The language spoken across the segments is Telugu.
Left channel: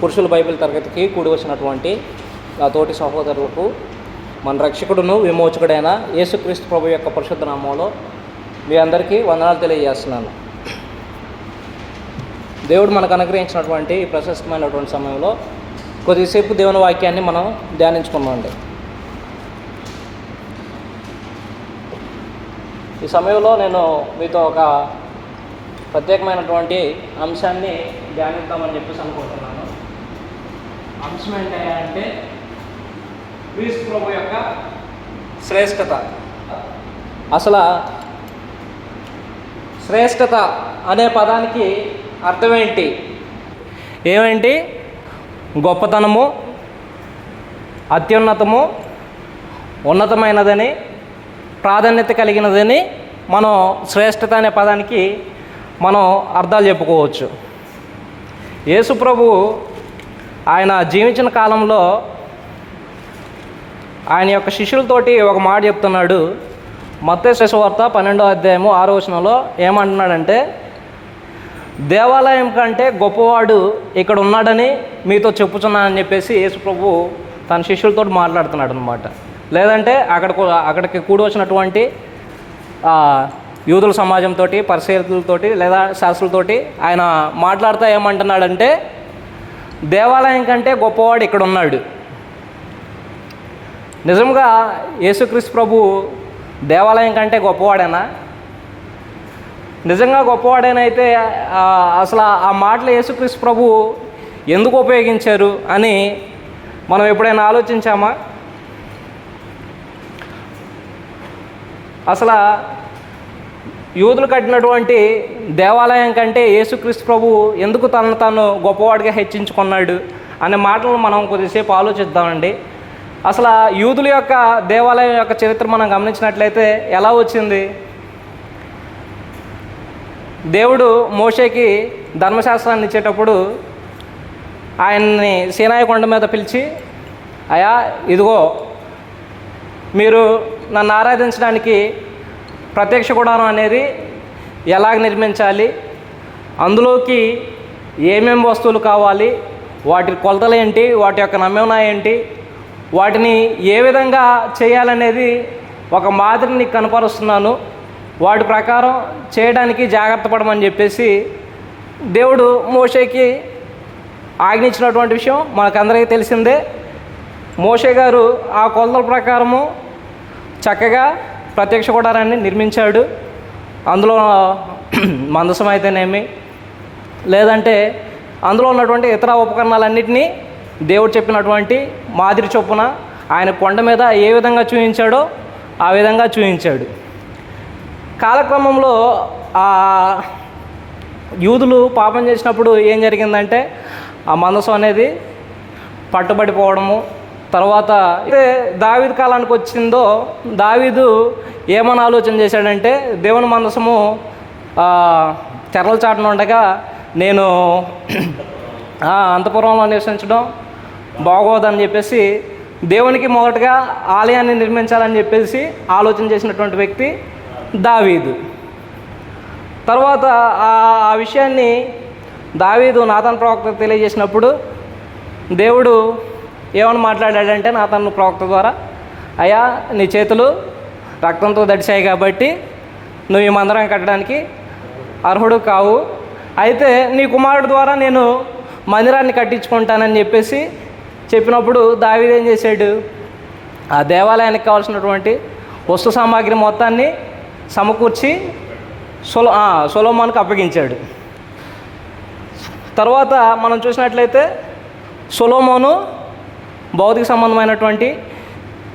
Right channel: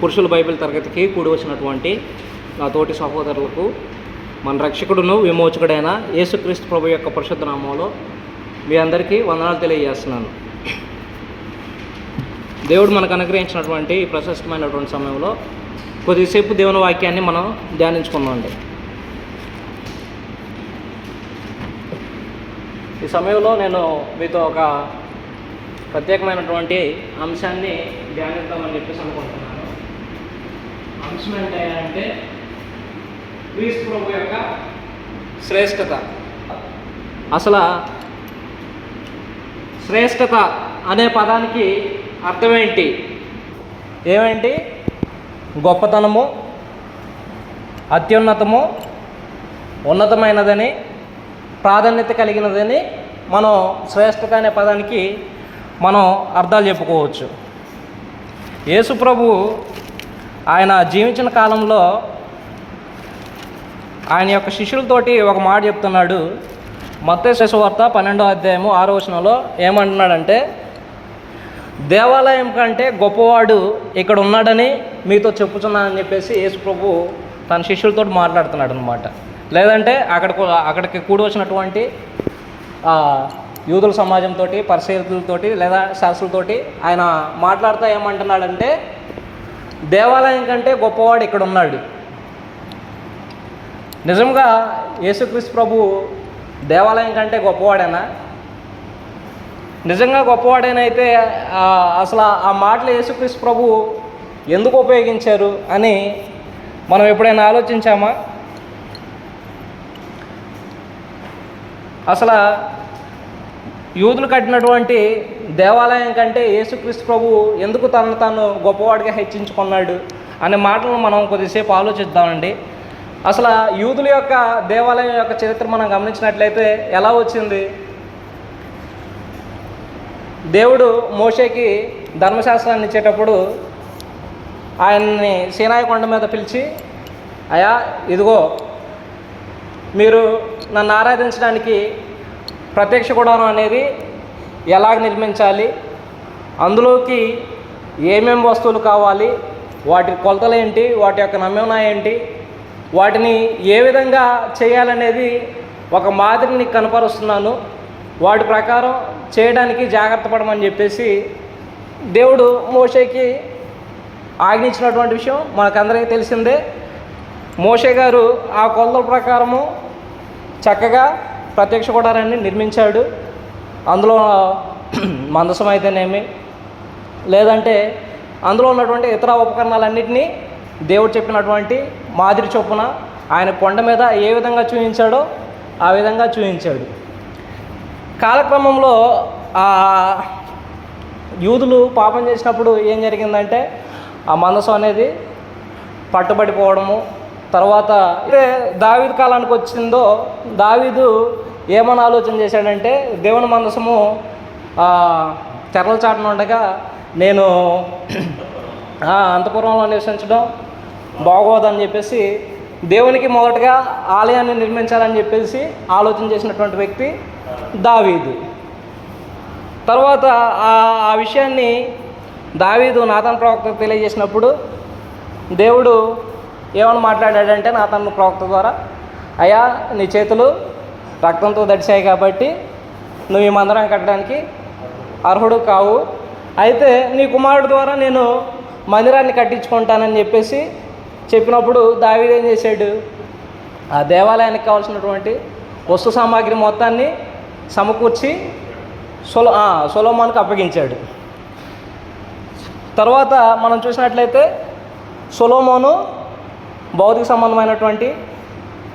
పురుషుల బైబిల్ తరగతికి కూడి వచ్చినటువంటి నా తోటి సహోదరులకు మన రక్షకుడును విమోచకుడైన యేసుక్రీస్తు ప్రభు యొక్క పరిశుద్ధ నామంలో మీ అందరికీ వందనాలు తెలియజేస్తున్నాను. దేవుడు మనకు అనుగ్రహించినటువంటి ఈ ప్రశస్తమైనటువంటి సమయంలో కొద్దిసేపు దేవుని వాక్యాన్ని మనం ధ్యానించుకుందామండి. ఈ సమయంలో నేను మీతో ఒక ప్రత్యేకమైనటువంటి అంశాన్ని ధ్యానిద్దామని చెప్పేసి అనుకుంటున్నాను. అంశం ఏంటంటే క్రీస్తు ప్రభు యొక్క శ్రేష్టత. అసలు శ్రేష్టత అనే పదానికి అర్థం ఏంటి? ఏమేంటి? గొప్పతనము, అత్యున్నతము, ఉన్నతమైనదని, ప్రాధాన్యత కలిగినదని మనం శ్రేష్టత అనే పదానికి మనం అర్థాలు చెప్పుకోవచ్చు. యేసు ప్రభు ఆయన జీవించిన కాలంలో ఆయన యొక్క శిష్యులతోటి ఒక మాట చెప్తున్నాడు. మత్తయి సువార్త 12వ అధ్యాయము 6వ వచనంలో ఏమంటున్నాడంటే, దేవాలయం కంటే గొప్పవాడు ఇక్కడ ఉన్నాడని మీతో చెప్పుచున్నానని చెప్పేసి యేసు ప్రభు తన శిష్యులతో మాట్లాడుతున్నాడు అనమాట. లేదంటే అక్కడికి కూడి వచ్చినటువంటి యూదుల సమాజంతో, పరిసయ్యులతోటి లేదా శాస్త్రులతోటి ఆయన మాట్లాడుతూ ఏమంటున్నాడంటే, దేవాలయం కంటే గొప్పవాడు ఇక్కడ ఉన్నాడు. నిజంగా యేసుక్రీస్తు ప్రభు దేవాలయం కంటే గొప్పవాడేనా? నిజంగా గొప్పవాడేనైతే అసలు ఆ మాటలు యేసుక్రీస్తు ప్రభు ఎందుకు ఉపయోగించారు అని మనం ఎప్పుడైనా ఆలోచించామా? అసలు యూదులు కట్టినటువంటి దేవాలయం కంటే యేసుక్రీస్తు ప్రభు ఎందుకు తనను తాను గొప్పవాడిగా హెచ్చించుకున్నాడు అనే మాటలు మనం కొద్దిసేపు ఆలోచిద్దామండి. అసలు యూదుల యొక్క దేవాలయం యొక్క చరిత్ర మనం గమనించినట్లయితే ఎలా వచ్చింది? దేవుడు మోషేకి ధర్మశాస్త్రాన్ని ఇచ్చేటప్పుడు ఆయన్ని సీనాయి కొండ మీద పిలిచి, అయ్యా ఇదిగో మీరు నన్ను ఆరాధించడానికి ప్రత్యక్ష గుడారం అనేది ఎలాగ నిర్మించాలి, అందులోకి ఏమేమి వస్తువులు కావాలి, వాటి కొలతలు ఏంటి, వాటి యొక్క నమూనా ఏంటి, వాటిని ఏ విధంగా చేయాలనేది ఒక మాదిరిని కనపరుస్తున్నాను, వాటి ప్రకారం చేయడానికి జాగ్రత్త పడమని చెప్పేసి దేవుడు మోషేకి ఆజ్ఞించినటువంటి విషయం మనకందరికీ తెలిసిందే. మోషే గారు ఆ కొలతల ప్రకారము చక్కగా ప్రత్యక్ష గుడారాన్ని నిర్మించాడు. అందులో మందసం అయితేనేమి, లేదంటే అందులో ఉన్నటువంటి ఇతర ఉపకరణాలన్నింటినీ దేవుడు చెప్పినటువంటి మాదిరి చొప్పున ఆయన కొండ మీద ఏ విధంగా చూపించాడో ఆ విధంగా చూపించాడు. కాలక్రమంలో ఆ యూదులు పాపం చేసినప్పుడు ఏం జరిగిందంటే ఆ మందసం అనేది పట్టుబడిపోవడము. తర్వాత దావీదు కాలానికి వచ్చిందో దావీదు ఏమని ఆలోచన చేశాడంటే, దేవుని మందసము తెరల చాటున ఉండగా నేను అంతఃపురంలో నివసించడం బాగోదని చెప్పేసి దేవునికి మొదటగా ఆలయాన్ని నిర్మించాలని చెప్పేసి ఆలోచన చేసినటువంటి వ్యక్తి దావీదు. తర్వాత ఆ విషయాన్ని దావీదు నాతాను ప్రవక్తకు తెలియజేసినప్పుడు దేవుడు ఏమని మాట్లాడాడంటే నాతాను ప్రవక్త ద్వారా, అయ్యా నీ చేతులు రక్తంతో దడిచాయి కాబట్టి నువ్వు ఈ మందిరం కట్టడానికి అర్హుడు కావు, అయితే నీ కుమారుడు ద్వారా నేను మందిరాన్ని కట్టించుకుంటానని చెప్పేసి చెప్పినప్పుడు దావీదు ఏం చేశాడు? ఆ దేవాలయానికి కావాల్సినటువంటి వస్తు సామాగ్రి మొత్తాన్ని సమకూర్చి సొలొమోనుకు అప్పగించాడు. తర్వాత మనం చూసినట్లయితే సొలొమోను భౌతిక సంబంధమైనటువంటి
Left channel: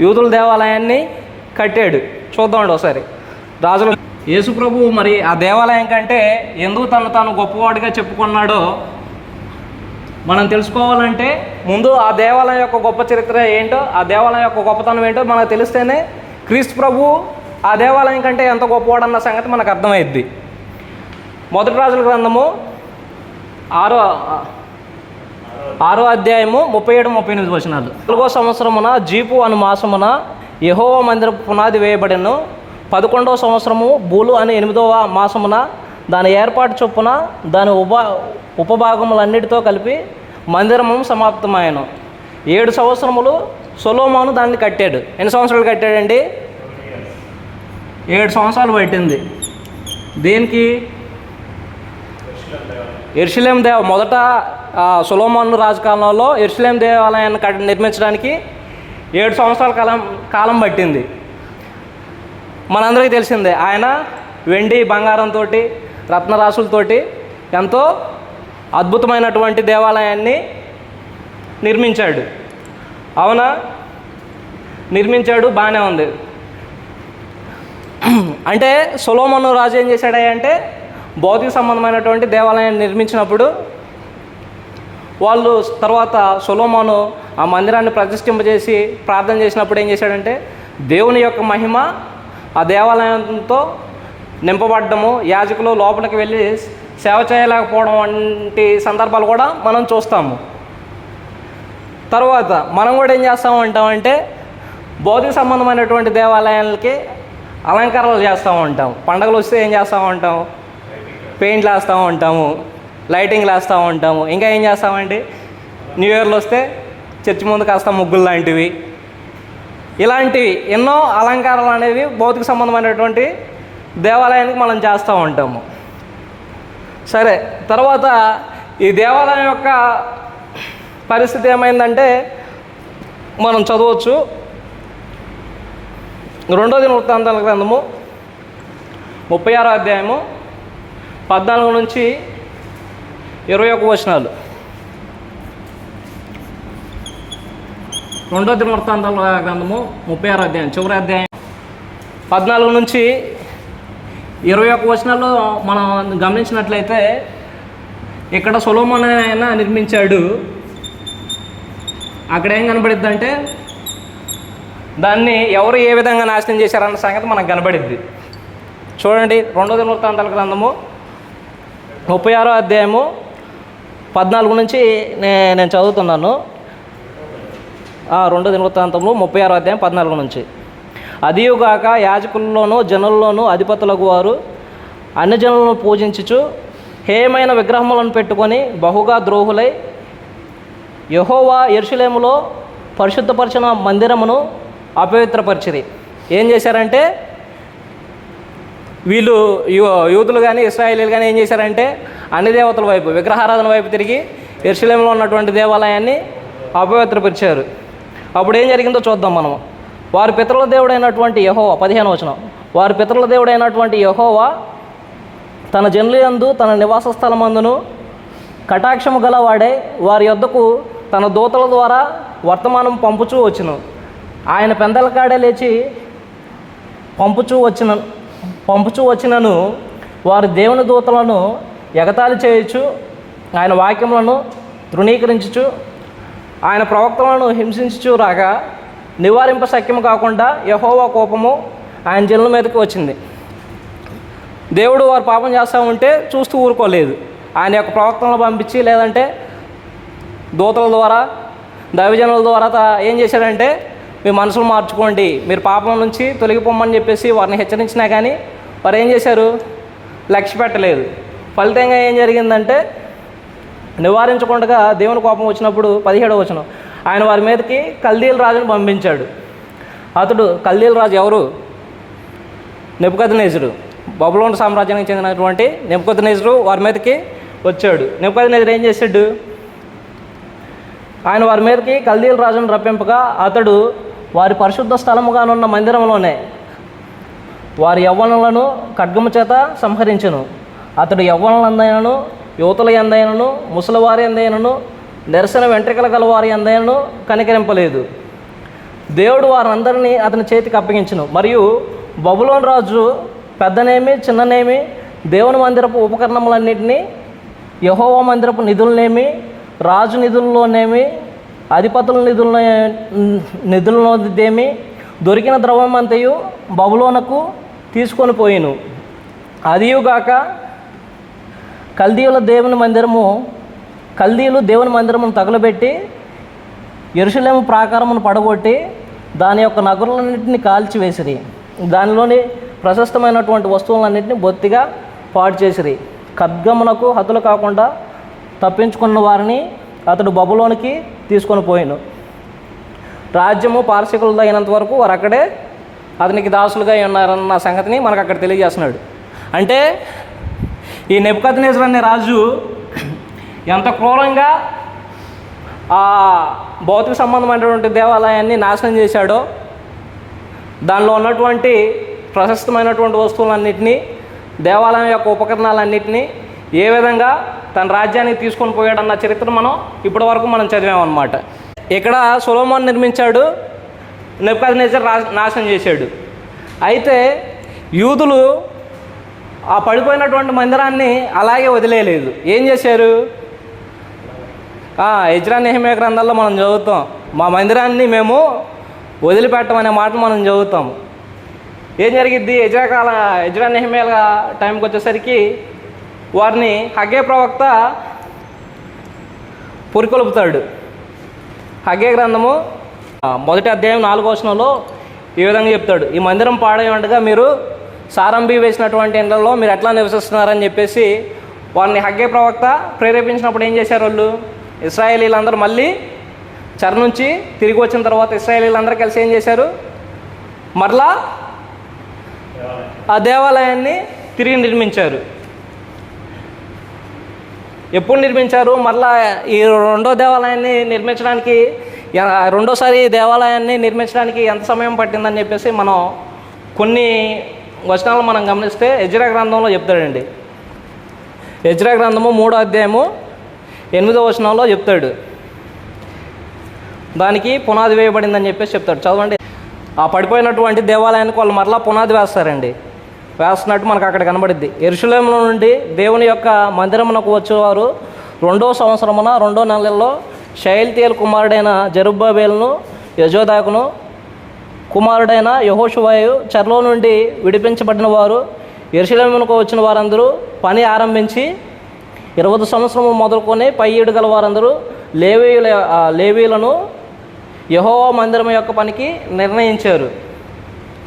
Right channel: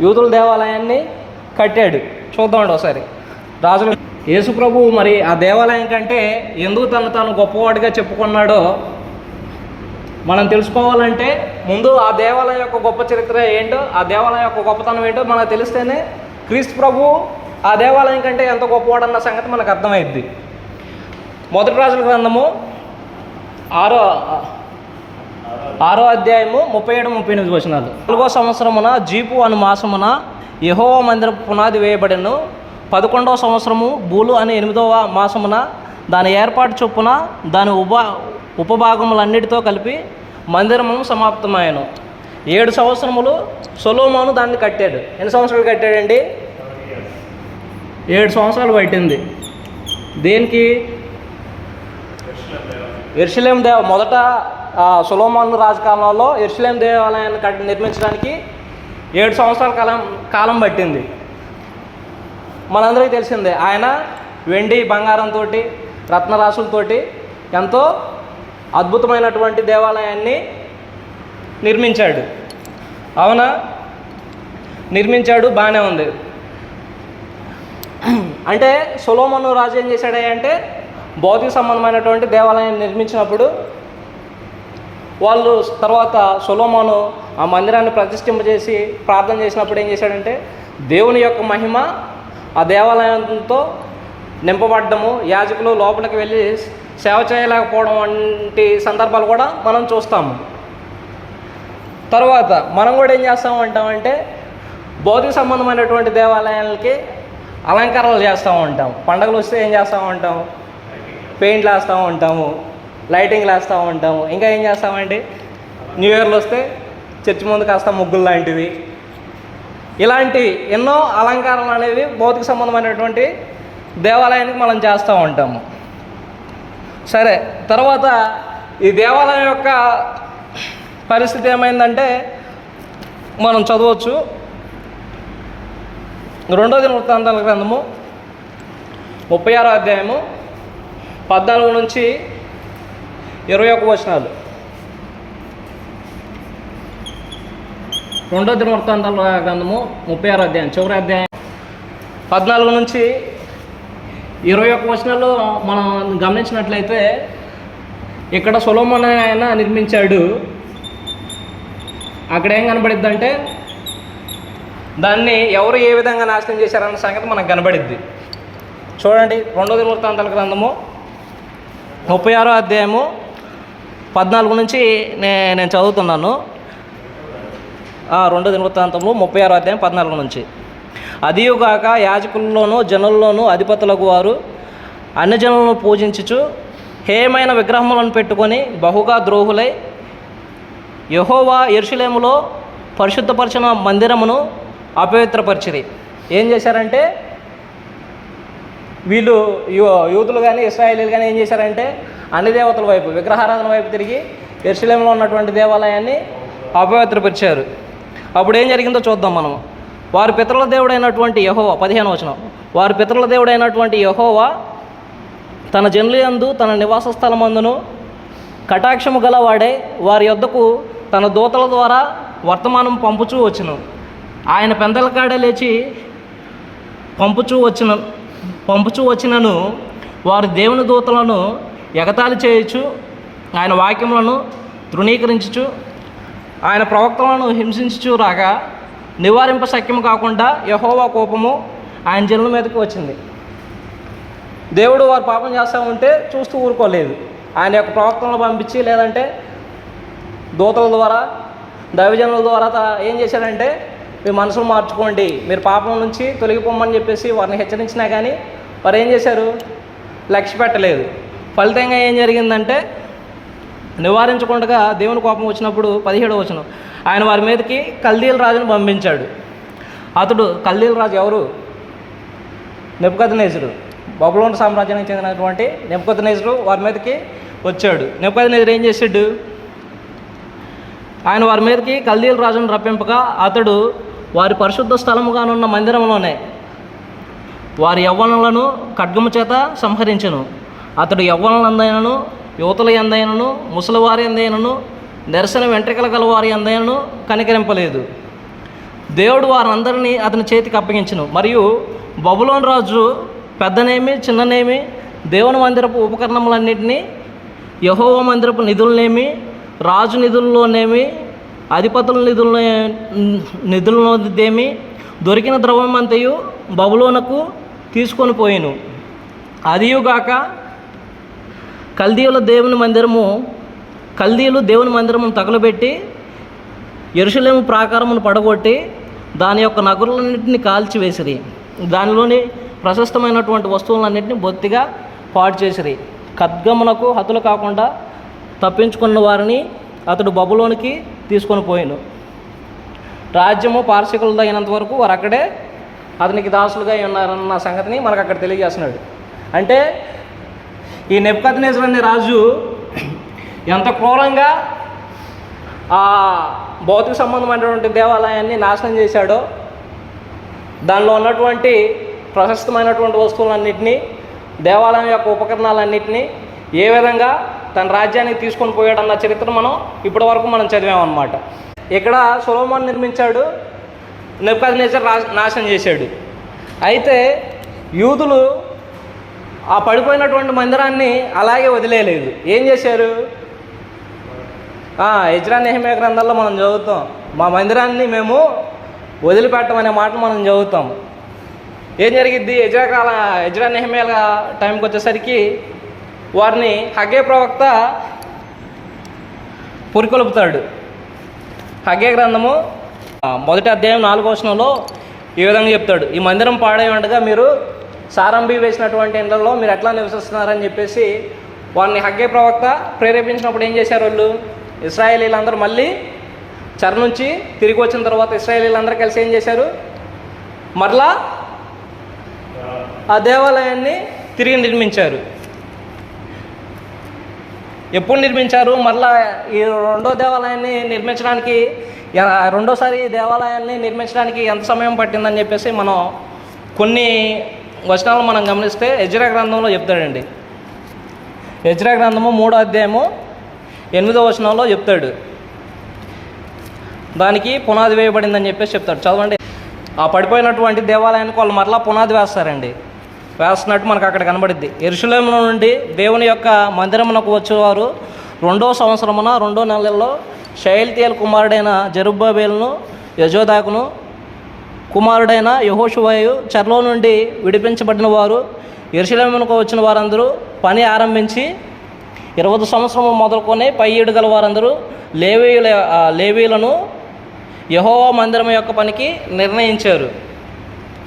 యూదుల దేవాలయాన్ని కట్టాడు. చూద్దామండి ఒకసారి. రాజులు యేసు ప్రభు మరి ఆ దేవాలయం కంటే ఎందుకు తను తాను గొప్పవాడిగా చెప్పుకున్నాడో మనం తెలుసుకోవాలంటే ముందు ఆ దేవాలయం యొక్క గొప్ప చరిత్ర ఏంటో, ఆ దేవాలయం యొక్క గొప్పతనం ఏంటో మనకు తెలిస్తేనే క్రీస్తు ప్రభు ఆ దేవాలయం కంటే ఎంత గొప్పవాడన్న సంగతి మనకు అర్థమైద్ది. మొదటి రాజుల గ్రంథము 6వ అధ్యాయము 37-38 వచనాలు. 4వ సంవత్సరమున జీపు అను మాసమున యెహోవా మందిర పునాది వేయబడెను. 11వ సంవత్సరము బూలు అని 8వ మాసమున దాని ఏర్పాటు చొప్పున దాని ఉపభాగములన్నిటితో కలిపి మందిరము సమాప్తమాయను. 7 సంవత్సరములు సొలొమోను దాన్ని కట్టాడు. ఎన్ని సంవత్సరాలు కట్టాడండి? 7 సంవత్సరాలు పట్టింది. దేనికి? యెరూషలేము మొదట సొలొమోను రాజకాలంలో యెరూషలేము దేవాలయాన్ని నిర్మించడానికి 7 సంవత్సరాల కాలం పట్టింది. మనందరికీ తెలిసిందే. ఆయన వెండి బంగారంతో రత్నరాశులతోటి ఎంతో అద్భుతమైనటువంటి దేవాలయాన్ని నిర్మించాడు. అవునా? నిర్మించాడు, బాగానే ఉంది. అంటే సొలొమోను రాజు ఏం చేశాడంటే భౌతిక సంబంధమైనటువంటి దేవాలయాన్ని నిర్మించినప్పుడు వాళ్ళు తర్వాత సొలొమోను ఆ మందిరాన్ని ప్రతిష్ఠింపజేసి ప్రార్థన చేసినప్పుడు ఏం చేశాడంటే దేవుని యొక్క మహిమ ఆ దేవాలయంతో నింపబడ్డము, యాజకులు లోపలికి వెళ్ళి సేవ చేయలేకపోవడం వంటి సందర్భాలు కూడా మనం చూస్తాము. తర్వాత మనం కూడా ఏం చేస్తూ ఉంటామంటే భౌతిక సంబంధమైనటువంటి దేవాలయాలకి అలంకరణలు చేస్తూ ఉంటాం. పండుగలు వస్తే ఏం చేస్తూ ఉంటాం? పెయింట్లు వేస్తూ ఉంటాము, లైటింగ్లు వేస్తూ ఉంటాము. ఇంకా ఏం చేస్తామంటే న్యూ ఇయర్లు వస్తే చర్చి ముందు కాస్త ముగ్గులు లాంటివి, ఇలాంటివి ఎన్నో అలంకారాలు అనేవి భౌతిక సంబంధమైనటువంటి దేవాలయానికి మనం చేస్తూ ఉంటాము. సరే, తర్వాత ఈ దేవాలయం యొక్క పరిస్థితి ఏమైందంటే మనం చదవచ్చు. 2వ దినవృత్తాంతాల గ్రంథము 36వ అధ్యాయము 14 నుంచి 21 వచనాలు. 2వ దినవృత్తాంతాల గ్రంథము 36వ అధ్యాయం చివరి అధ్యాయం 14 నుంచి 21 వచనాల్లో మనం గమనించినట్లయితే ఇక్కడ సొలొమోను ఆయన నిర్మించాడు. అక్కడ ఏం కనబడిద్ది అంటే దాన్ని ఎవరు ఏ విధంగా నాశనం చేశారన్న సంగతి మనకు కనబడిద్ది. చూడండి, 2వ దినవృత్తాంతాల గ్రంథము 36వ అధ్యాయము 14 నుంచి నేను చదువుతున్నాను. 2వ దినవృత్తాంతము 36వ అధ్యాయం 14 నుంచి. అదియుగాక యాజకుల్లోనూ జనుల్లోనూ అధిపతులకు వారు అన్ని జనులను పూజించుచు హేయమైన విగ్రహములను పెట్టుకొని బహుగా ద్రోహులై యెహోవా యెరూషలేములో పరిశుద్ధపరచిన మందిరమును అపవిత్రపరిచిరి. ఏం చేశారంటే వీళ్ళు యూదులు కానీ ఇశ్రాయేలీలు కానీ ఏం చేశారంటే అన్ని దేవతల వైపు విగ్రహారాధన వైపు తిరిగి యెరూషలేములో ఉన్నటువంటి దేవాలయాన్ని అపవిత్రపరిచారు. అప్పుడు ఏం జరిగిందో చూద్దాం మనం. వారి పితరుల దేవుడైనటువంటి యెహోవా 15వ వచనం. వారి పితరుల దేవుడైనటువంటి యెహోవా తన జనుల యందు తన నివాస స్థలమందును కటాక్షము గలవాడే వారి యొద్దకు తన దూతల ద్వారా వర్తమానం ఆయన పెందల కాడే లేచి పంపుచూ వచ్చినను వారి దేవుని దూతలను ఎగతాళి చేయొచ్చు, ఆయన వాక్యములను తృణీకరించుచు ఆయన ప్రవక్తలను హింసించుచు రాగా నివారింప శక్యము కాకుండా యెహోవా కోపము ఆయన జనుల మీదకి వచ్చింది. దేవుడు వారు పాపం చేస్తూ ఉంటే చూస్తూ ఊరుకోలేదు. ఆయన యొక్క ప్రవక్తలను పంపించి లేదంటే దూతల ద్వారా దైవజనుల ద్వారా ఏం చేశారంటే మీ మనసులు మార్చుకోండి, మీరు పాపం నుంచి తొలగిపోమని చెప్పేసి వారిని హెచ్చరించినా కానీ వారు ఏం చేశారు? లక్ష్య పెట్టలేదు. ఫలితంగా ఏం జరిగిందంటే నివారించకుండా దేవుని కోపం వచ్చినప్పుడు 17వ వచనం ఆయన వారి మీదకి కల్దీల రాజును పంపించాడు. అతడు కల్దీల రాజు ఎవరు? నెబుకద్నెజరు. బబులోను సామ్రాజ్యానికి చెందినటువంటి నెబుకద్నెజరు వారి మీదకి వచ్చాడు. నెబుకద్నెజరు ఏం చేశాడు? ఆయన వారి మీదకి కల్దీల రాజును రప్పింపగా అతడు వారి పరిశుద్ధ స్థలముగానున్న మందిరంలోనే వారి యవ్వనులను ఖడ్గము చేత సంహరించెను. అతడు యవ్వనులందైనను యువతుల ఎందైనను ముసలివారి ఎందైనను నిరసన వెంట్రుకల గలవారి ఎందైనను కనికరింపలేదు. దేవుడు వారందరినీ అతని చేతికి అప్పగించెను. మరియు బబులోను రాజు పెద్దనేమి చిన్ననేమి దేవుని మందిరపు ఉపకరణములన్నింటినీ యెహోవా మందిరపు నిధులనేమి రాజు నిధుల్లోనేమి అధిపతుల నిధులదేమి దొరికిన ద్రవ్యమంతయు బబులోనుకు తీసుకొని పోయిను. అదియుగాక కల్దీయులు దేవుని మందిరము తగులబెట్టి యెరూషలేము ప్రాకారమును పడగొట్టి దాని యొక్క నగరులన్నింటినీ కాల్చివేసిరి. దానిలోని ప్రశస్తమైనటువంటి వస్తువులన్నింటినీ బొత్తిగా పాడు చేసిరి. ఖడ్గమునకు హతులు కాకుండా తప్పించుకున్న వారిని అతడు బబులోనికి తీసుకొని పోయాను. రాజ్యము పారసీకులది అయినంత వరకు వారు అక్కడే అతనికి దాసులుగా ఉన్నారన్న సంగతిని మనకు అక్కడ తెలియజేస్తున్నాడు. అంటే ఈ నెబుకద్నెజర్ అనే రాజు ఎంత క్రూరంగా ఆ భౌతిక సంబంధమైనటువంటి దేవాలయాన్ని నాశనం చేశాడో, దానిలో ఉన్నటువంటి ప్రశస్తమైనటువంటి వస్తువులన్నింటినీ, దేవాలయం యొక్క ఉపకరణాలన్నింటినీ ఏ విధంగా తన రాజ్యానికి తీసుకొని పోయాడన్న చరిత్ర మనం ఇప్పటి వరకు మనం చదివామన్నమాట. ఇక్కడ సొలొమోను నిర్మించాడు, నెబుకద్నెజర్ నాశనం చేశాడు. అయితే యూదులు ఆ పడిపోయినటువంటి మందిరాన్ని అలాగే వదిలేయలేదు. ఏం చేశారు? ఎజ్రా నెహెమ్యా గ్రంథాల్లో మనం చదువుతాం, మా మందిరాన్ని మేము వదిలిపెట్టమనే మాట మనం చదువుతాం. ఏం జరిగిద్ది? ఎజ్రా నెహెమ్యా టైంకి వచ్చేసరికి వారిని హగ్గై ప్రవక్త పురికొల్పుతాడు. హగ్గై గ్రంథము 1వ అధ్యాయం 4వ వచనంలో ఈ విధంగా చెప్తాడు, ఈ మందిరం పాడై ఉండగా మీరు సారంభి వేసినటువంటి ఇండ్లలో మీరు ఎట్లా నివసిస్తున్నారని చెప్పేసి వారిని హగ్గై ప్రవక్త ప్రేరేపించినప్పుడు ఏం చేశారు? వాళ్ళు ఇశ్రాయేలీలందరూ మళ్ళీ చెర నుంచి తిరిగి వచ్చిన తర్వాత ఇశ్రాయేలీలందరూ కలిసి ఏం చేశారు? మరలా ఆ దేవాలయాన్ని తిరిగి నిర్మించారు. ఎప్పుడు నిర్మించారు? మరలా ఈ రెండో దేవాలయాన్ని నిర్మించడానికి, రెండోసారి దేవాలయాన్ని నిర్మించడానికి ఎంత సమయం పట్టిందని చెప్పేసి మనం కొన్ని వచనాలు మనం గమనిస్తే ఎజ్రా గ్రంథంలో చెప్తాడండి. ఎజ్రా గ్రంథము 3వ అధ్యాయము 8వ వచనంలో చెప్తాడు, దానికి పునాది వేయబడిందని చెప్పేసి చెప్తాడు. చదవండి. ఆ పడిపోయినటువంటి దేవాలయానికి వాళ్ళు మరలా పునాది వేస్తారండి. వేస్తున్నట్టు మనకు అక్కడ కనబడిద్ది. యెరూషలేములో నుండి దేవుని యొక్క మందిరమునకు వచ్చేవారు 2వ సంవత్సరమున 2వ నెలలో షయల్తీయేలు కుమారుడైన జెరుబ్బాబెలును యెజోదాకును కుమారుడైన యెహోషువయు చెరలో నుండి విడిపించబడిన వారు యెరూషలేమునకు వచ్చిన వారందరూ పని ఆరంభించి 20వ సంవత్సరము మొదలుకొని పై ఏడు గల వారందరూ లేవీయులను యెహోవా మందిరం యొక్క పనికి నిర్ణయించారు.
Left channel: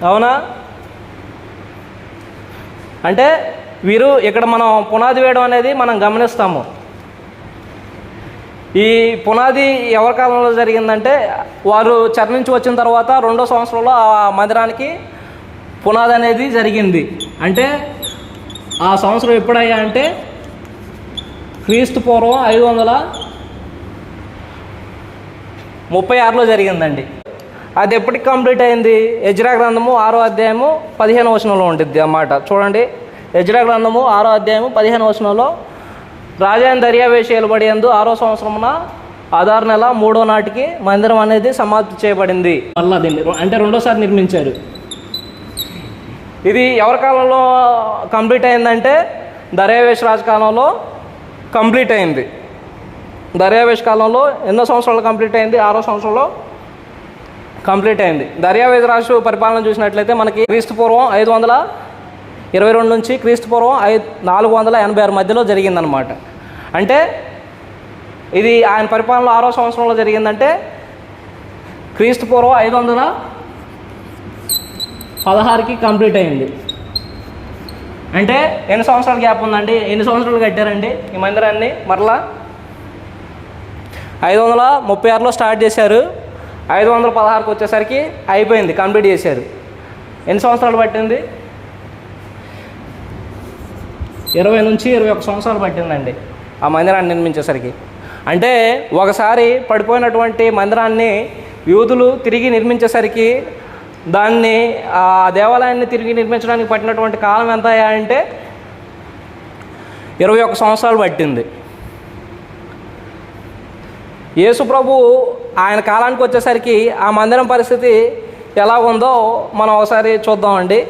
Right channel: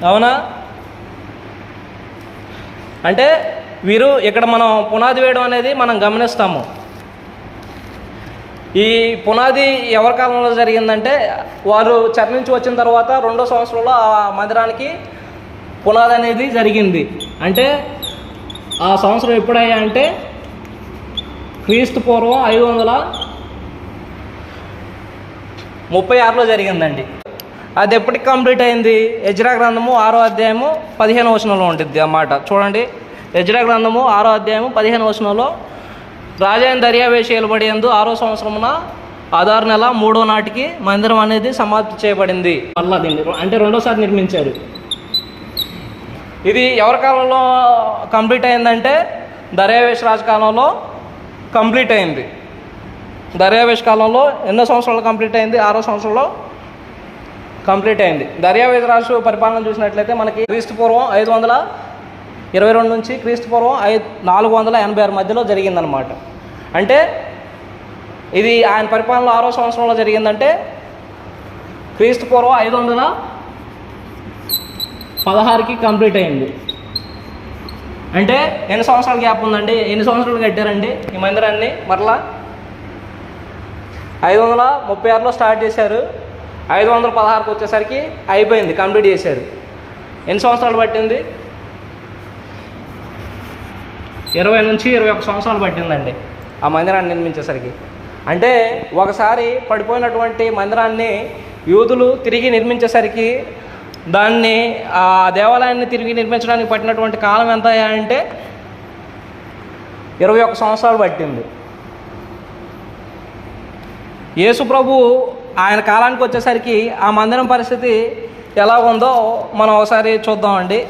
అవునా? అంటే వీరు ఇక్కడ మనం పునాది వేయడం అనేది మనం గమనిస్తాము. ఈ పునాది ఎవరి కాలంలో జరిగిందంటే వారు చెర నుంచి వచ్చిన తర్వాత 2వ సంవత్సరంలో ఆ మందిరానికి పునాది అనేది జరిగింది. అంటే ఆ సంవత్సరం ఎప్పుడయ్యా అంటే క్రీస్తు పూర్వం 536లో జరిగిందండి. అది ఎప్పటికి కంప్లీట్ అయింది? ఎజ్రా గ్రంథము 6వ అధ్యాయము 15వ వచనంలో ఉంటుంది అన్నమాట. చూడండి, ఎజ్రా గ్రంథము 6వ అధ్యాయము 15వ వచనంలో రాజైన దర్యావేషు ఏలుబడి యందు 6వ సంవత్సరమున ఆదారు నెల 3వ నాటికి మందిరం అనేది సమాప్తి చేయబడింది. మళ్ళీ దీన్ని అంటే రెండోసారి నిర్మించారు. ఇది ఎవరి కాలంలో కంప్లీట్ అయిందంటే దర్యావేషు రాజు కాలంలో కంప్లీట్ అయింది. దర్యావేషు కాలంలో ఎన్నో సంవత్సరాలు కంప్లీట్ అయింది? 6వ సంవత్సరంలో కంప్లీట్ అయింది. దర్యావేషు రాజు పరిపాలన చూసినట్లయితే మనకి క్రీస్తు పూర్వం 522 నుంచి క్రీస్తు పూర్వం 486 మధ్యలో జరిగిందనమాట. అంటే ఇది ఆయన పరిపాలనలో 6వ సంవత్సరంలో జరిగిందంటే క్రీస్తు పూర్వం 516కి కంప్లీట్ అయింది. అంటే ఎన్ని సంవత్సరాల గ్యాప్ ఉందండి? ఎన్ని సంవత్సరాలు కట్టారండి ఈ మందిరాన్ని? మరలా 536లో స్టార్ట్ చేశారు, 516కి వచ్చేసరికి అయిపోయింది, కంప్లీట్ చేశారు. ఎన్ని సంవత్సరాలు పట్టింది? 20 నుంచి 21 సంవత్సరాలు పట్టిందండి ఆ మందిరాన్ని నిర్మించేసరికి. అంటే ఒకసారి పడిపోయినటువంటి మందిరాన్ని యూదులు తిరిగి నిర్మించేసరికి దాన్ని ఆ దేవాలయాన్ని తిరిగి నిర్మించడానికి పట్టినటువంటి కాలం ఎంత అంటే 21 సంవత్సరాలు పట్టింది. యేసు ప్రభు ఆయన కాలానికి వచ్చేసరికి ఆ మందిరం పరిస్థితి ఎలా ఉందో మనం ఒకసారి చూద్దామండి.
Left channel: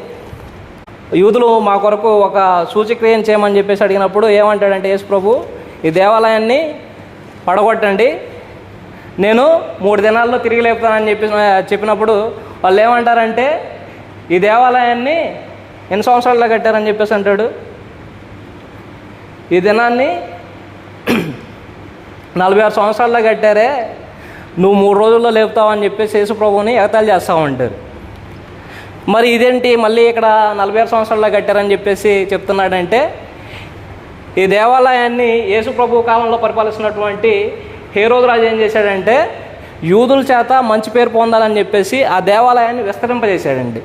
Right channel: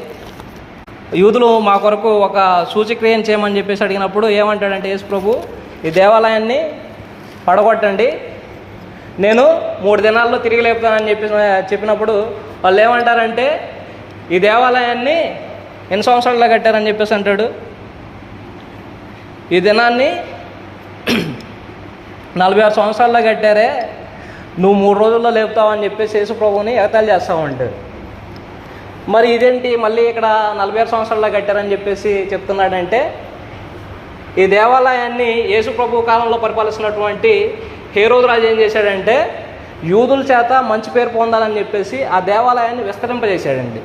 యూదులు మా కొరకు ఒక సూచక్రియను చేయమని చెప్పేసి అడిగినప్పుడు ఏమంటాడంటే యేసు ప్రభు, ఈ దేవాలయాన్ని పడగొట్టండి, నేను 3 దినాల్లో తిరిగి లేపుతానని చెప్పినప్పుడు వాళ్ళు ఏమంటారంటే ఈ దేవాలయాన్ని ఎన్ని సంవత్సరాల్లో కట్టారని చెప్పేసి అంటాడు. ఈ దినాన్ని 46 సంవత్సరాల్లో కట్టారే, నువ్వు 3 రోజుల్లో లేపుతావని చెప్పేసి యేసు ప్రభువుని ఎగతాళి చేస్తామంటారు. మరి ఇదేంటి మళ్ళీ ఇక్కడ 46 సంవత్సరాల్లో కట్టారని చెప్పేసి చెప్తున్నాడంటే ఈ దేవాలయాన్ని యేసు ప్రభు కాలంలో పరిపాలిస్తున్నటువంటి హేరోదు రాజు ఏం చేశాడంటే యూదుల చేత మంచి పేరు పొందాలని చెప్పేసి ఆ దేవాలయాన్ని విస్తరింపజేశాడండి.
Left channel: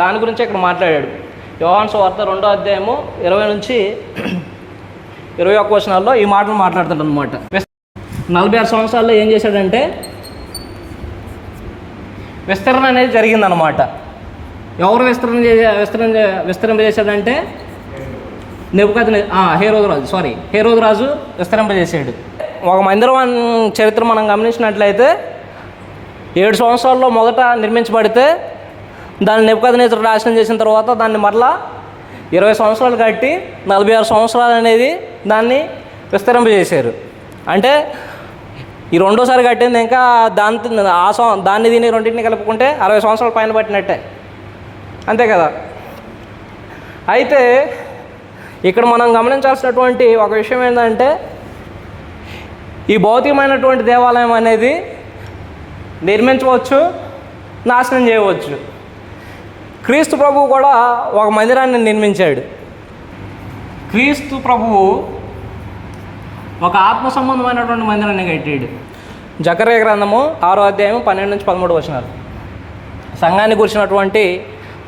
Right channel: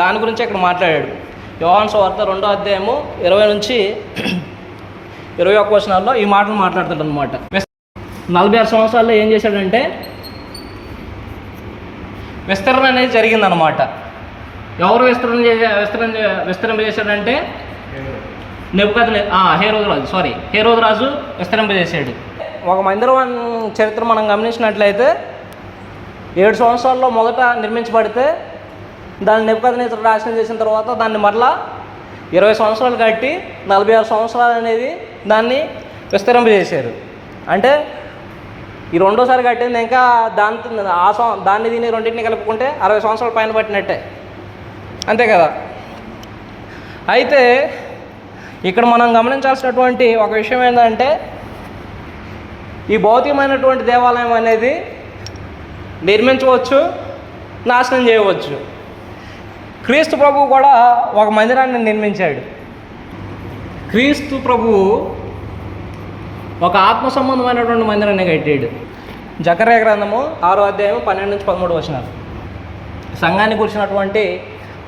దాని గురించి ఇక్కడ మాట్లాడాడు. యోహాను సువార్త 2వ అధ్యాయము 20 నుంచి 21 వచనాల్లో ఈ మాటలు మాట్లాడుతాడు అనమాట. 46 సంవత్సరాల్లో ఏం చేశాడంటే విస్తరణ అనేది జరిగిందనమాట. ఎవరు విస్తరింపజేశాడంటే హేరోదు రాజు విస్తరింపజేశాడు. ఒక మందిరం చరిత్ర మనం గమనించినట్లయితే 7 సంవత్సరాల్లో మొదట నిర్మించబడితే దాన్ని నెబుకద్నెజరు నాశనం చేసిన తర్వాత దాన్ని మరలా 20 సంవత్సరాలు కట్టి 46 సంవత్సరాలు అనేది దాన్ని విస్తరింపజేశారు. అంటే ఈ రెండోసారి కట్టింది ఇంకా దాన్ని దీన్ని రెండింటిని కలుపుకుంటే 60 సంవత్సరాల పైన పట్టినట్టే, అంతే కదా. అయితే ఇక్కడ మనం గమనించాల్సినటువంటి ఒక విషయం ఏంటంటే ఈ భౌతికమైనటువంటి దేవాలయం అనేది నిర్మించవచ్చు, నాశనం చేయవచ్చు. క్రీస్తు ప్రభువు కూడా ఒక మందిరాన్ని నిర్మించాడు. క్రీస్తు ప్రభువు ఒక ఆత్మ సంబంధమైనటువంటి మందిరాన్ని కట్టాడు. జకర్యా గ్రంథము 6వ అధ్యాయం 12 నుంచి 13 వచనాలు. సంఘాన్ని గురించినటువంటి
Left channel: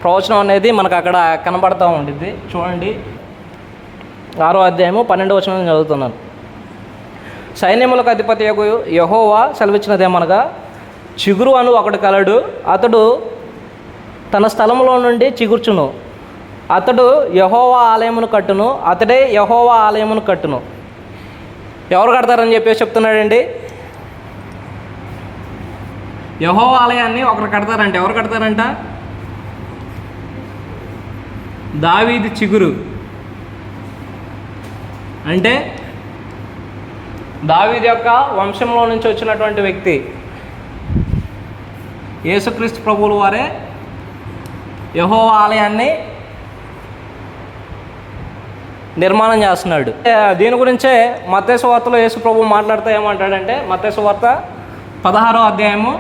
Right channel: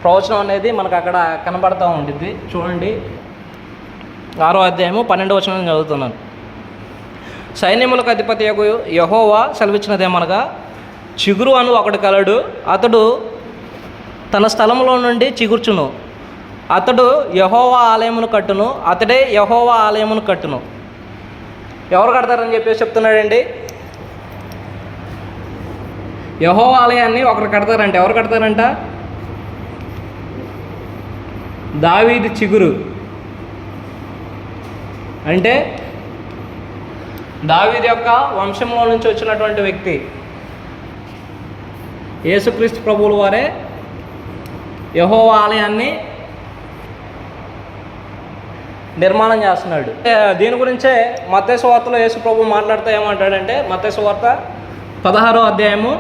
ప్రవచనం అనేది మనకు అక్కడ కనబడుతూ ఉంటుంది. చూడండి, 6వ అధ్యాయము 12వ వచనం చదువుతున్నాను. సైన్యములకు అధిపతి యెహోవా సెలవిచ్చినదేమనగా, చిగురు అను ఒకడు కలడు, అతడు తన స్థలంలో నుండి చిగుర్చును, అతడు యెహోవా ఆలయమును కట్టును, అతడే యెహోవా ఆలయమును కట్టును. ఎవరు కడతారని చెప్పేసి చెప్తున్నాడండి. యెహోవా ఆలయాన్ని ఒకరు కడతారంట. ఎవరు కడతారంట? దావీదు చిగురు. అంటే దావీదు యొక్క వంశంలో నుంచి వచ్చినటువంటి వ్యక్తి యేసుక్రీస్తు ప్రభువుల వారే యెహోవా ఆలయాన్ని నిర్మాణం చేస్తున్నాడు. దీని గురించే మత్తయి సువార్తలో యేసు ప్రభువు మాట్లాడుతూ ఏమంటాడంటే, మత్తయి సువార్త 16వ అధ్యాయము